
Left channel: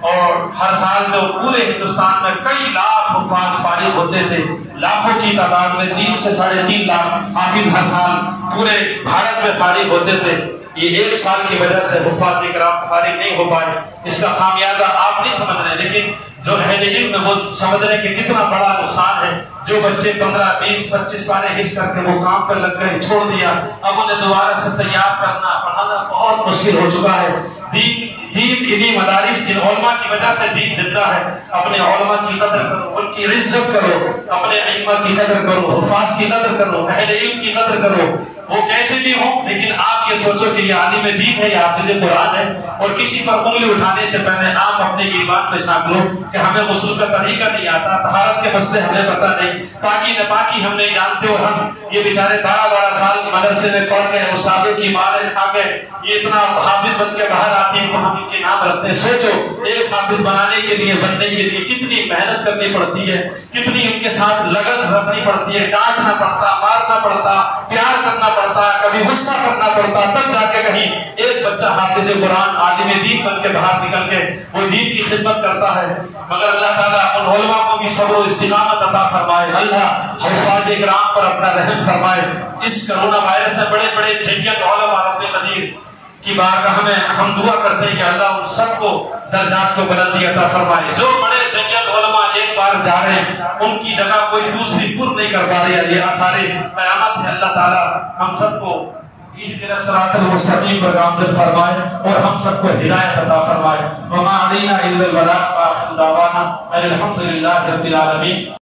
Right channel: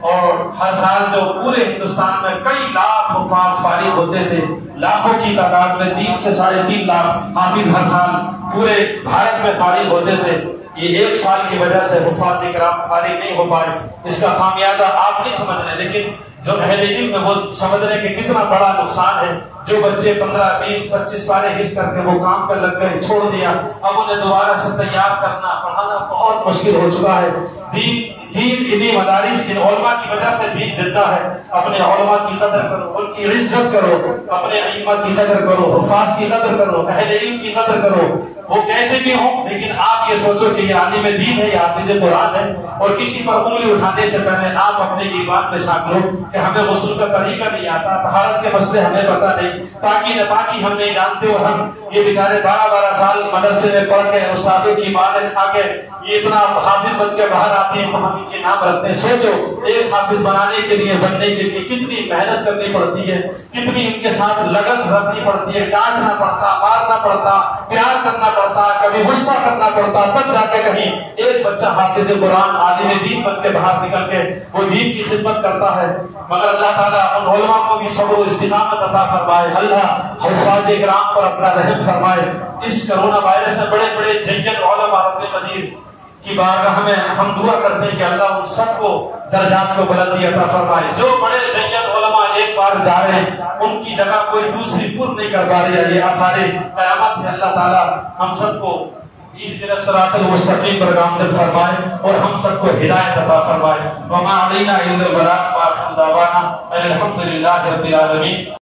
اور ہر سال جو پورے ہندوستان میں کئی لاکھ حفاظ فارغ ہوتے تھے, لاکھوں کی تعداد میں 3 سے 3.5 لاکھ حافظ ہر سال پورے بھارت میں فارغ ہوتے تھے. یہ 1 سال کی وجہ سے حفاظ کرام فارغ نہیں ہو پائے. اس کا خامیازہ آپ نہیں سمجھ رہے, لیکن جو اہل علم ہے وہ سمجھ رہے کہ کتنا بڑا نقصان ہے. جو بچے 15 20 25 پارے حفظ کر کے وہ کام پر لگ گئے, چھوڑ دیا, اب انہیں دوبارہ سے تیار کرنا پڑھانا بہت مشکل ہو چکا ہے. دین انہی مدارس, جن علماء کی وجہ سے دین زندہ ہے. اپنے علماء کی قدر کرو, ان کی عزت کرو, اپنے ائمہ کی قدر کرو, حفاظ کی قدر کرو, اہل علم کی قدر کرو. وہ کیسے بھی ہوں, لیکن آپ یہ سوچو کہ یہ عالم دین ہے, یہ حافظ قرآن ہے, اور کسی پر انگلی اٹھانے سے پہلے آپ اپنے ایمان میں شامل ہو کہ ہمیں غسل کا طریقہ نہیں آتا, طہارت کے مسئلے ہمیں پتہ نہیں, پاکی نہ پاکی ہم نہیں جانتے. اور ہم یہ بیچارے 12 سال مدرسے میں پڑھ کے استادوں کی مارے کھا کے یہ اتنا حافظ بن کے باہر آتے ہیں تو ہم ان کے نام رکھتے ہیں. سوچو ایک حافظ بنانے کے لیے, بننے کے لیے کتنی محنت کرنی پڑتی ہے, کتنی ان کے ساتھ لگن رکھنی پڑتی ہے, ڈانٹنا پڑتا, مارنا پڑتا, پیار کرنا پڑتا ہے، کبھی غصہ کرنا پڑتا، تب جا کے کہیں ایک بچہ حافظ قرآن عالم دین بن کے باہر نکل کے وہ دین کی خدمت کرتا ہے۔ مگر اللہ تعالیٰ ان علماء کو بھی صبر و استقامت عطا فرمائے، اللہ حفاظ کرام پر اپنا رحم فرمائے۔ اس کرونا وائرس سے بڑے بڑے جید علماء رب قدیر کی بارگاہ میں ہم دعا کرتے ہیں کہ اللہ ان سب کو درجات کو بلندی عطا فرمائے۔ جو بڑے جید علماء ایک بار جا رہے ہیں ان کی جگہ کوئی دوسری پر نہیں کر پا رہی ہے، یہ آثار قیامت ہے۔ اللہ تعالیٰ ہم سب کو اہدنا الصراط المستقیم پر گامزن فرمائے اور ہم سب کو ہدایت عطا فرمائے۔ وما علینا الا البلاغ، وآخر دعوانا الحمد للہ رب العالمین۔